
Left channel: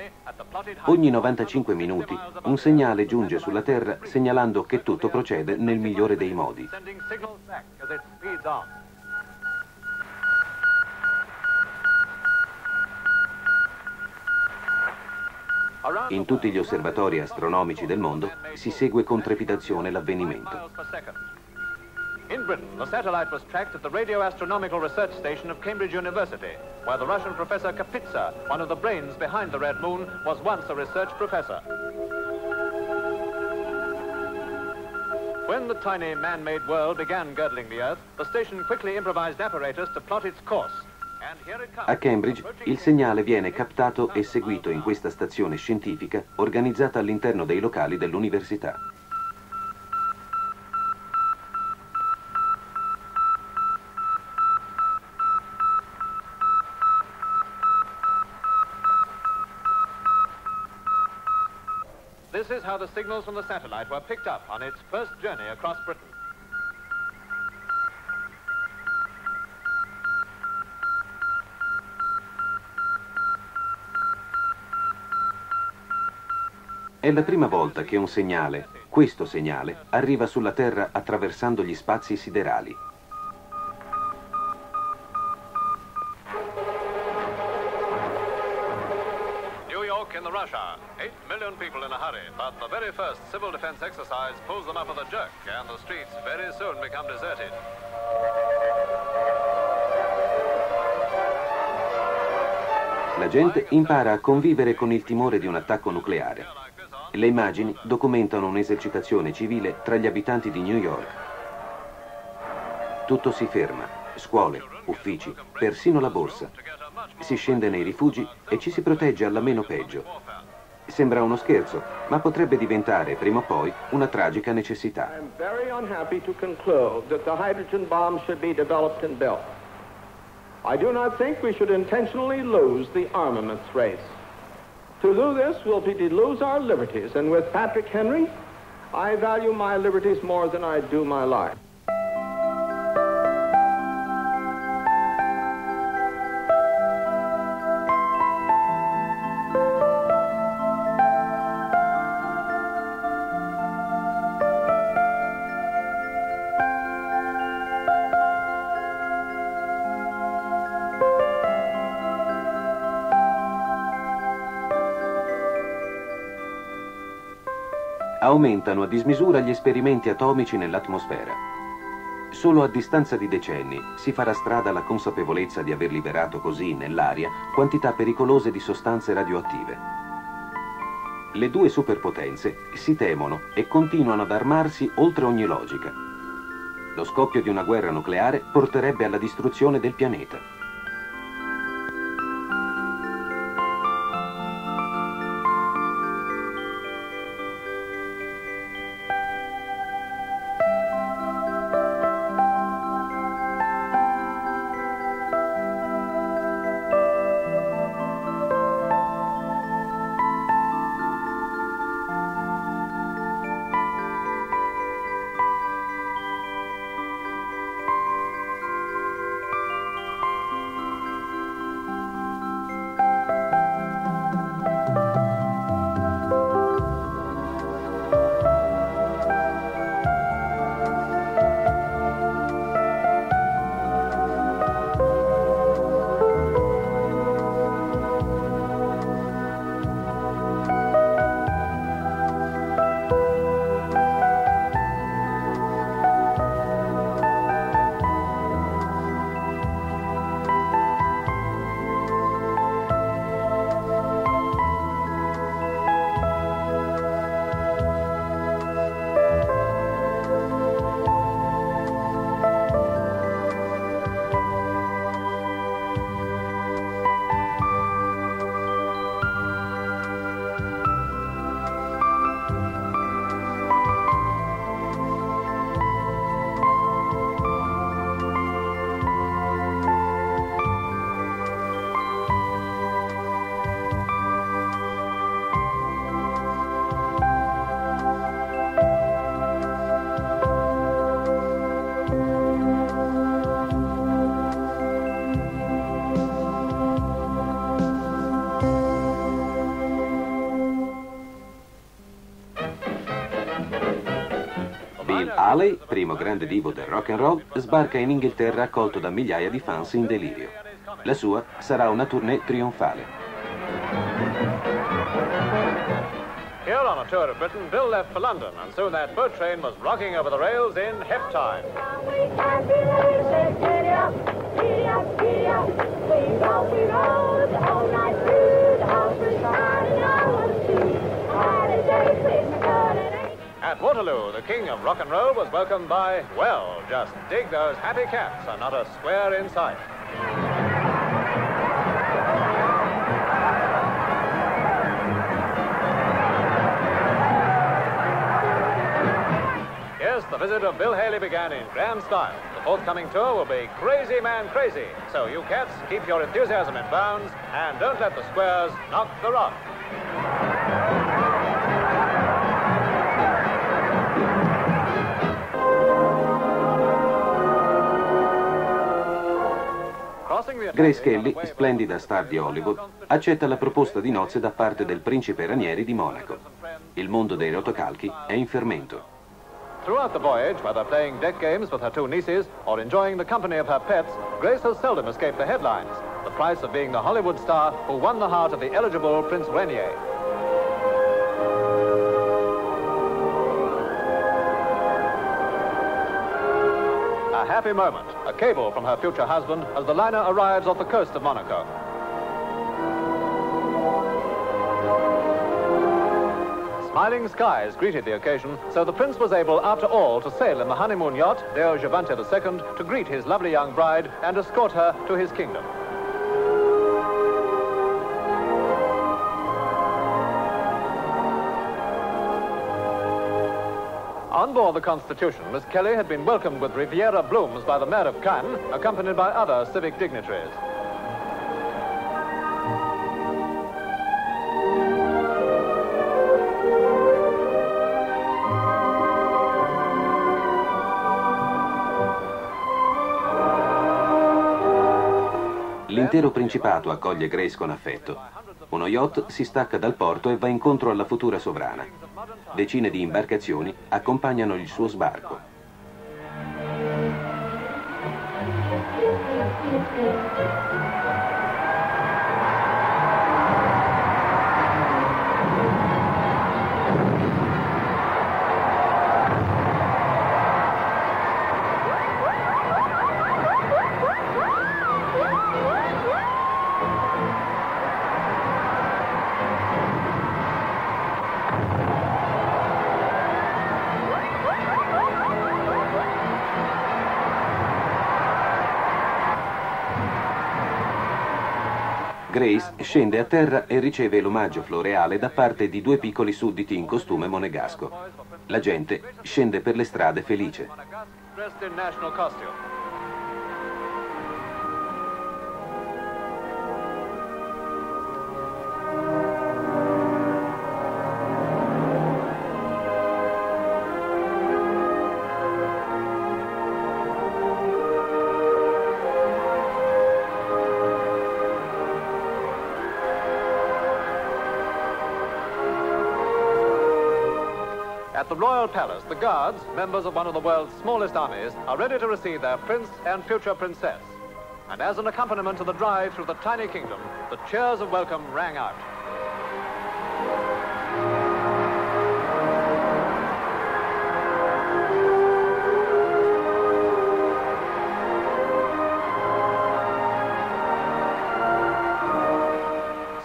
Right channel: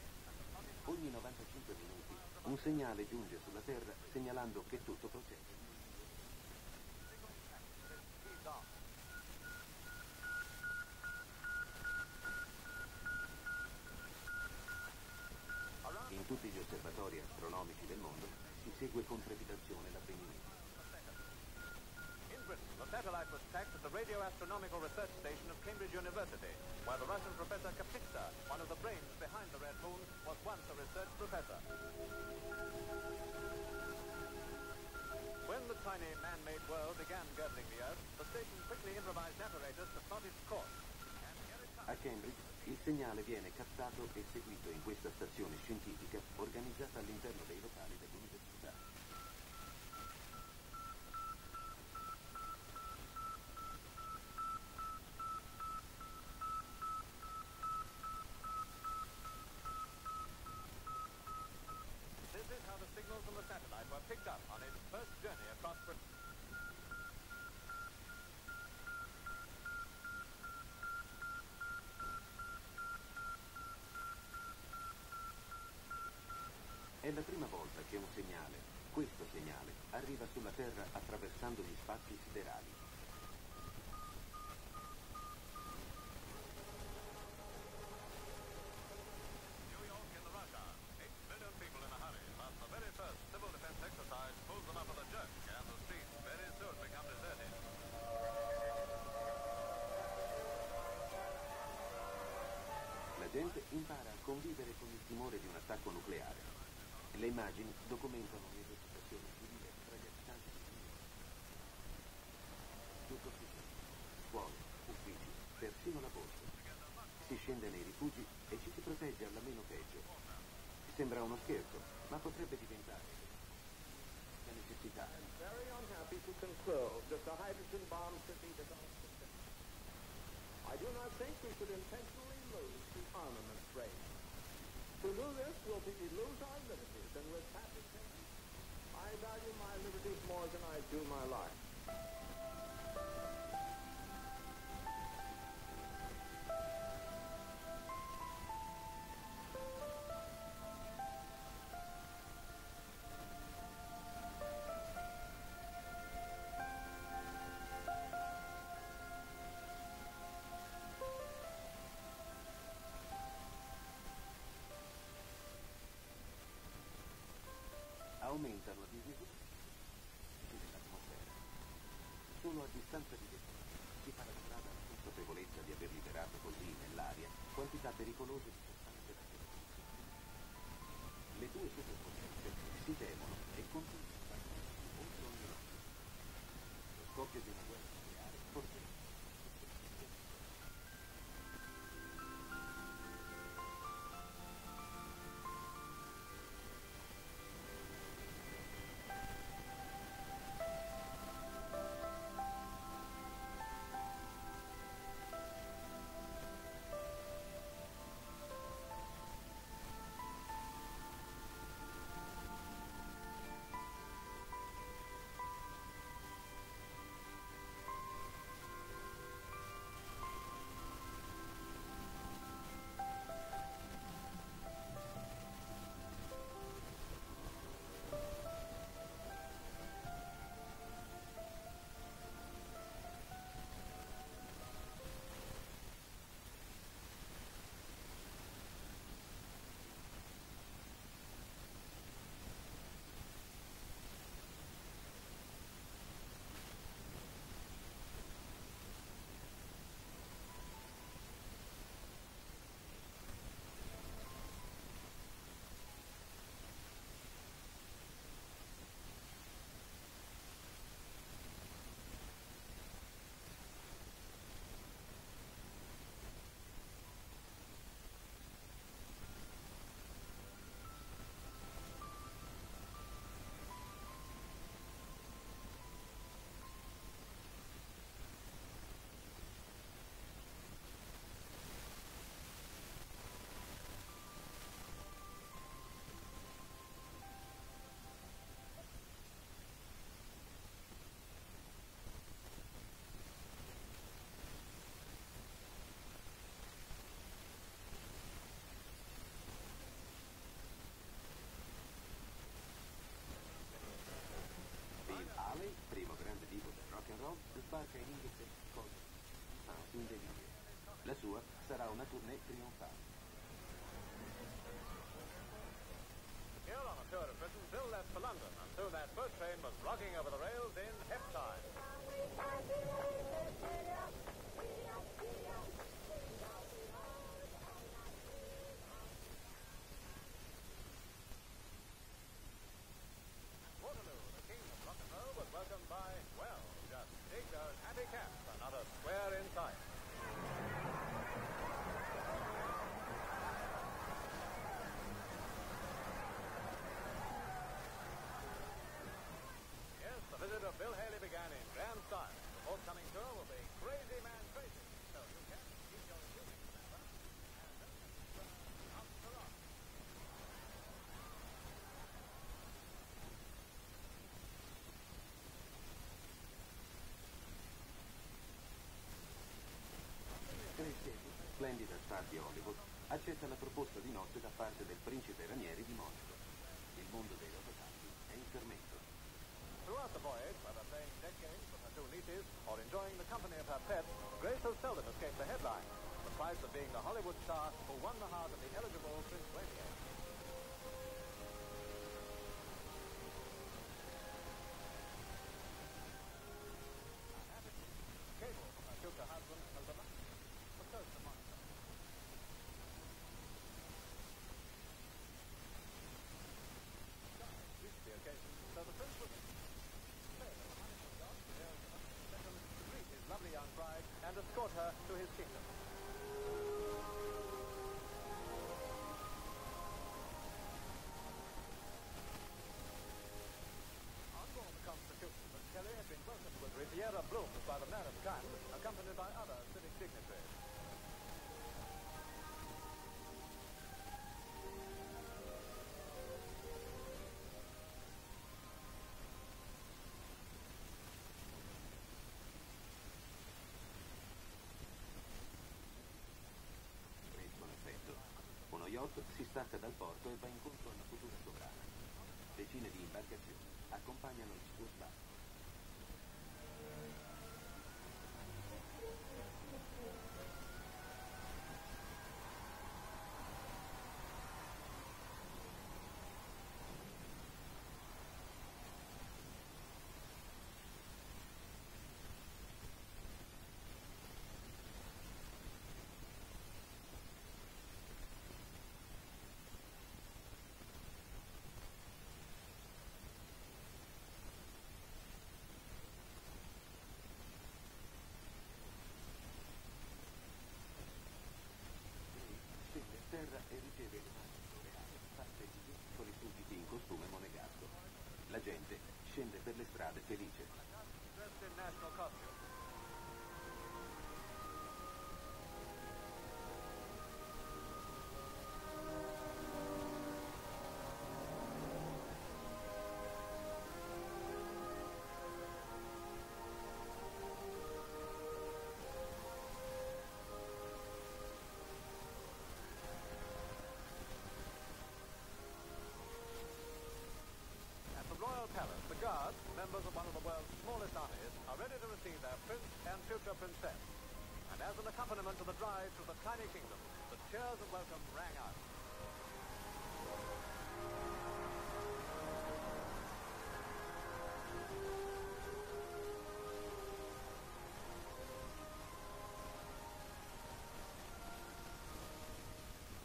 Ogni 95 minuti un segnale giunge sulla Terra segnalando che tutto procede nel migliore dei modi. In tutti gli osservatori astronomici del mondo si segue con trepidazione l'avvenimento. In Britain, the satellite was tracked at the Radio Astronomical Research Station of Cambridge University, where the Russian professor Kapitsa, one of the brains behind the Red Moon, was once a research professor. When the tiny man-made world began girdling the Earth, the station quickly improvised apparatus to plot its course. A Cambridge il segnale viene captato e seguito in questa stazione scientifica organizzata all'interno dei locali dell'università. This is how the signals from the satellite were picked up on its first journey across Britain. È la prima volta che un segnale, questo segnale, arriva sulla Terra attraversando gli spazi siderali. New York in the Russia. 8 million people in a hurry, but the very first civil defense exercise pulls them up with a jerk, and the streets very soon become deserted. La gente impara a convivere con il timore di un attacco nucleare. Le immagini documentano un'esercitazione civile tra gli abitanti di New York. Tutto si ferma, scuole, uffici, persino la borsa. Si scende nei rifugi e ci si protegge alla meno peggio. Sembra uno scherzo, ma potrebbe diventare prima o poi una tragica necessità. I'm very unhappy to conclude that the hydrogen bomb should be developed and built. I do not think we should intentionally lose the armaments race. To do this will be to lose our liberties, and with Patrick Henry, I value my liberties more than I do my life. Aumentano a dismisura gli esperimenti atomici nell'atmosfera. Solo a distanza di decenni si farà strada la consapevolezza di aver liberato così nell'aria quantità pericolose di sostanze radioattive. Le due superpotenze si temono e continuano ad armarsi oltre ogni logica. Lo scoppio di una guerra nucleare porterebbe alla distruzione del pianeta. Dalle, primo grande divo del rock and roll, sbarca in Inghilterra accolto da migliaia di fans in delirio. La sua sarà una tournée trionfale. Here on a tour of Britain, Bill left for London, and soon that boat train was rocking over the rails in hep time. At Waterloo, the king of rock and roll was welcomed by, well, just dig those happy cats and not a square in sight. Yes, the visit of Bill Haley began in grand style. The forthcoming tour will be Crazy Man Crazy. So you cats, keep your enthusiasm in bounds and don't let the squares knock the rock. Grace Kelly, splendida star di Hollywood, accetta la proposta di nozze da parte del principe Ranieri di Monaco. Il mondo dei rotocalchi è in fermento. Throughout the voyage, whether playing deck games with her two nieces or enjoying the company of her pets, Grace has seldom escaped the headlines. The price of being the Hollywood star who won the heart of the eligible Prince Rainier. A happy moment, a cable from her future husband as the liner arrives off the coast of Monaco. Smiling skies greeted the occasion, so the prince was able, after all, to sail in the honeymoon yacht, Deo Gigante II, to greet his lovely young bride and escort her to his kingdom. On board the Constitution, Miss Kelly had been welcomed with Riviera blooms by the Mayor of Cannes, accompanied by other civic dignitaries. L'intero principato accoglie Grace con affetto. Uno yacht si stacca dal porto e va incontro alla futura sovrana. Decine di imbarcazioni accompagnano il suo sbarco. Grace scende a terra e riceve l'omaggio floreale da parte di due piccoli sudditi in costume monegasco. La gente scende per le strade felice. At the Royal Palace, the guards, members of one of the world's smallest armies, are ready to receive their prince and future princess. And as an accompaniment to the drive through the tiny kingdom, the cheers of welcome rang out.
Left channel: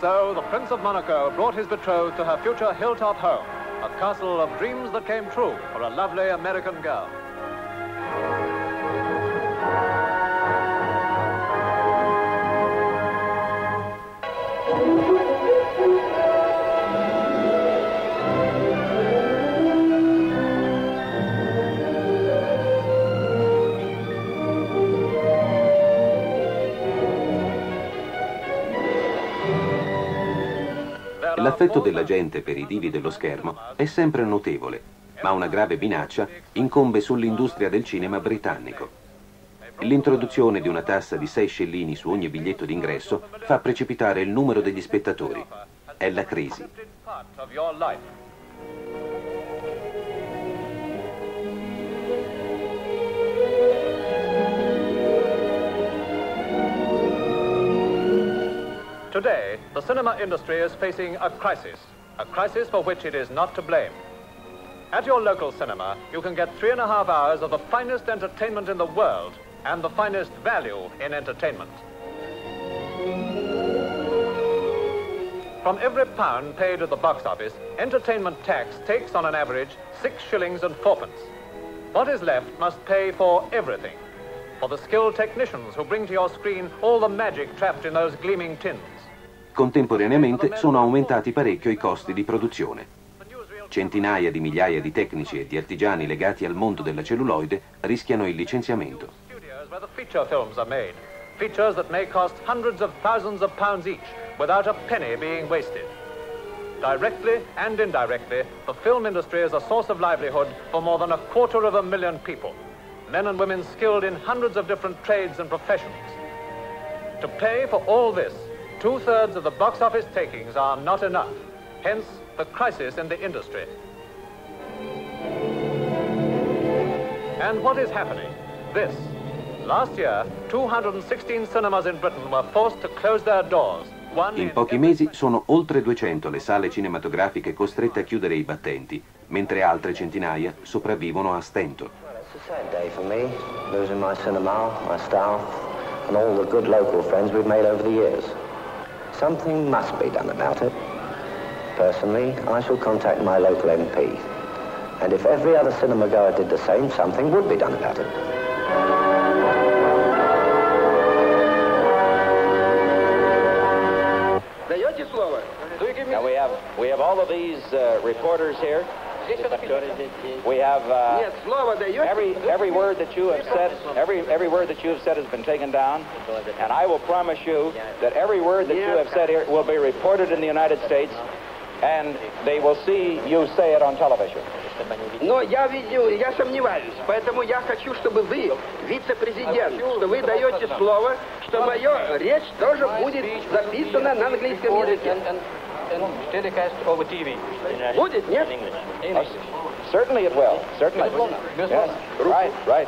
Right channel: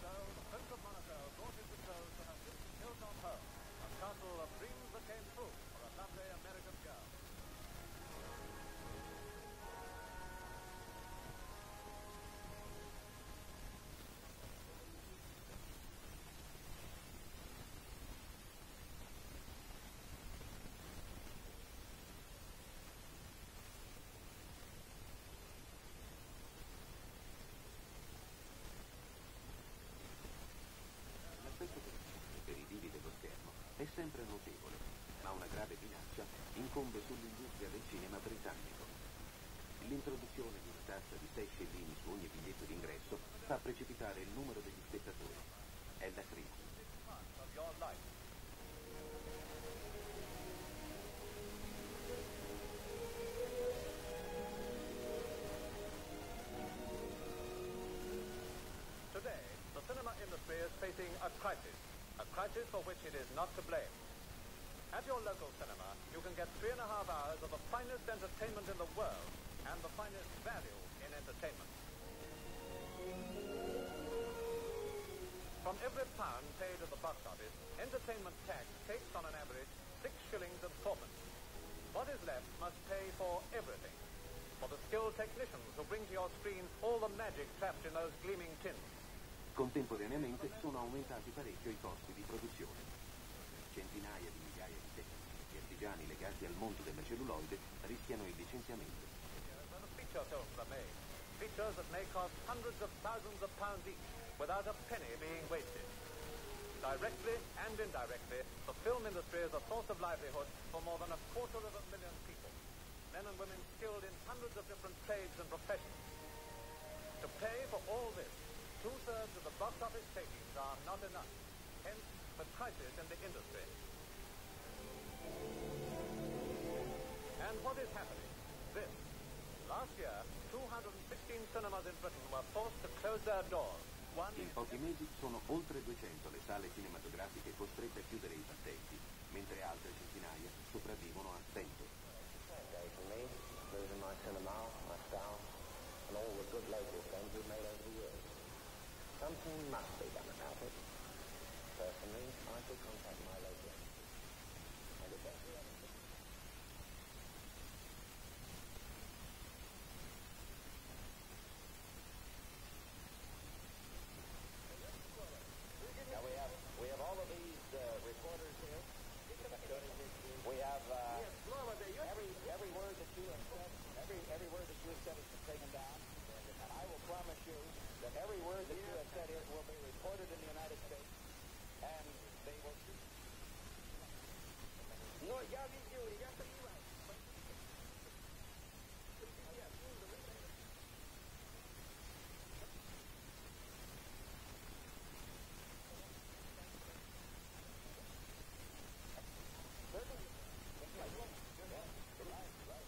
So the Prince of Monaco brought his betrothed to her future hilltop home, a castle of dreams that came true for a lovely American girl. L'affetto della gente per i divi dello schermo è sempre notevole, ma una grave minaccia incombe sull'industria del cinema britannico. L'introduzione di una tassa di 6 scellini su ogni biglietto d'ingresso fa precipitare il numero degli spettatori. È la crisi. Today, the cinema industry is facing a crisis for which it is not to blame. At your local cinema, you can get 3.5 hours of the finest entertainment in the world and the finest value in entertainment. From every pound paid at the box office, entertainment tax takes on an average 6 shillings and 4pence. What is left must pay for everything. For the skilled technicians who bring to your screen all the magic trapped in those gleaming tins. Contemporaneamente sono aumentati parecchio i costi di produzione. Centinaia di migliaia di tecnici e di artigiani legati al mondo della celluloide rischiano il licenziamento. Where the feature films are made. Features that may cost hundreds of thousands of pounds each without a penny being wasted. Directly and indirectly, the film industry is a source of livelihood for more than 250,000 people. Men and women skilled in hundreds of different trades and professions. To pay for all this, 2/3 of the box office takings are not enough. Hence, the crisis in the industry. And what is happening? This. Last year, 216 cinemas in Britain were forced to close their doors. In pochi mesi sono oltre 200 le sale cinematografiche costrette a chiudere i battenti, mentre altre centinaia sopravvivono a stento. It's a sad day for me, losing my cinema, my style, and all the good local friends we've made over the years. Something must be done about it. personally, I shall contact my local MP. And if every other cinema goer did the same, something would be done about it. Now we have all of these reporters here. We have every word that you have said. Every word that you have said has been taken down, and I will promise you that every word that you have said here will be reported in the United States, and they will see you say it on television. Но я сомневаюсь, поэтому я хочу, чтобы вы, вице-президент, что вы даете слово, что моя речь тоже будет записана на английском языке. Будет, нет? Certainly it will. Certainly. Yes. Right.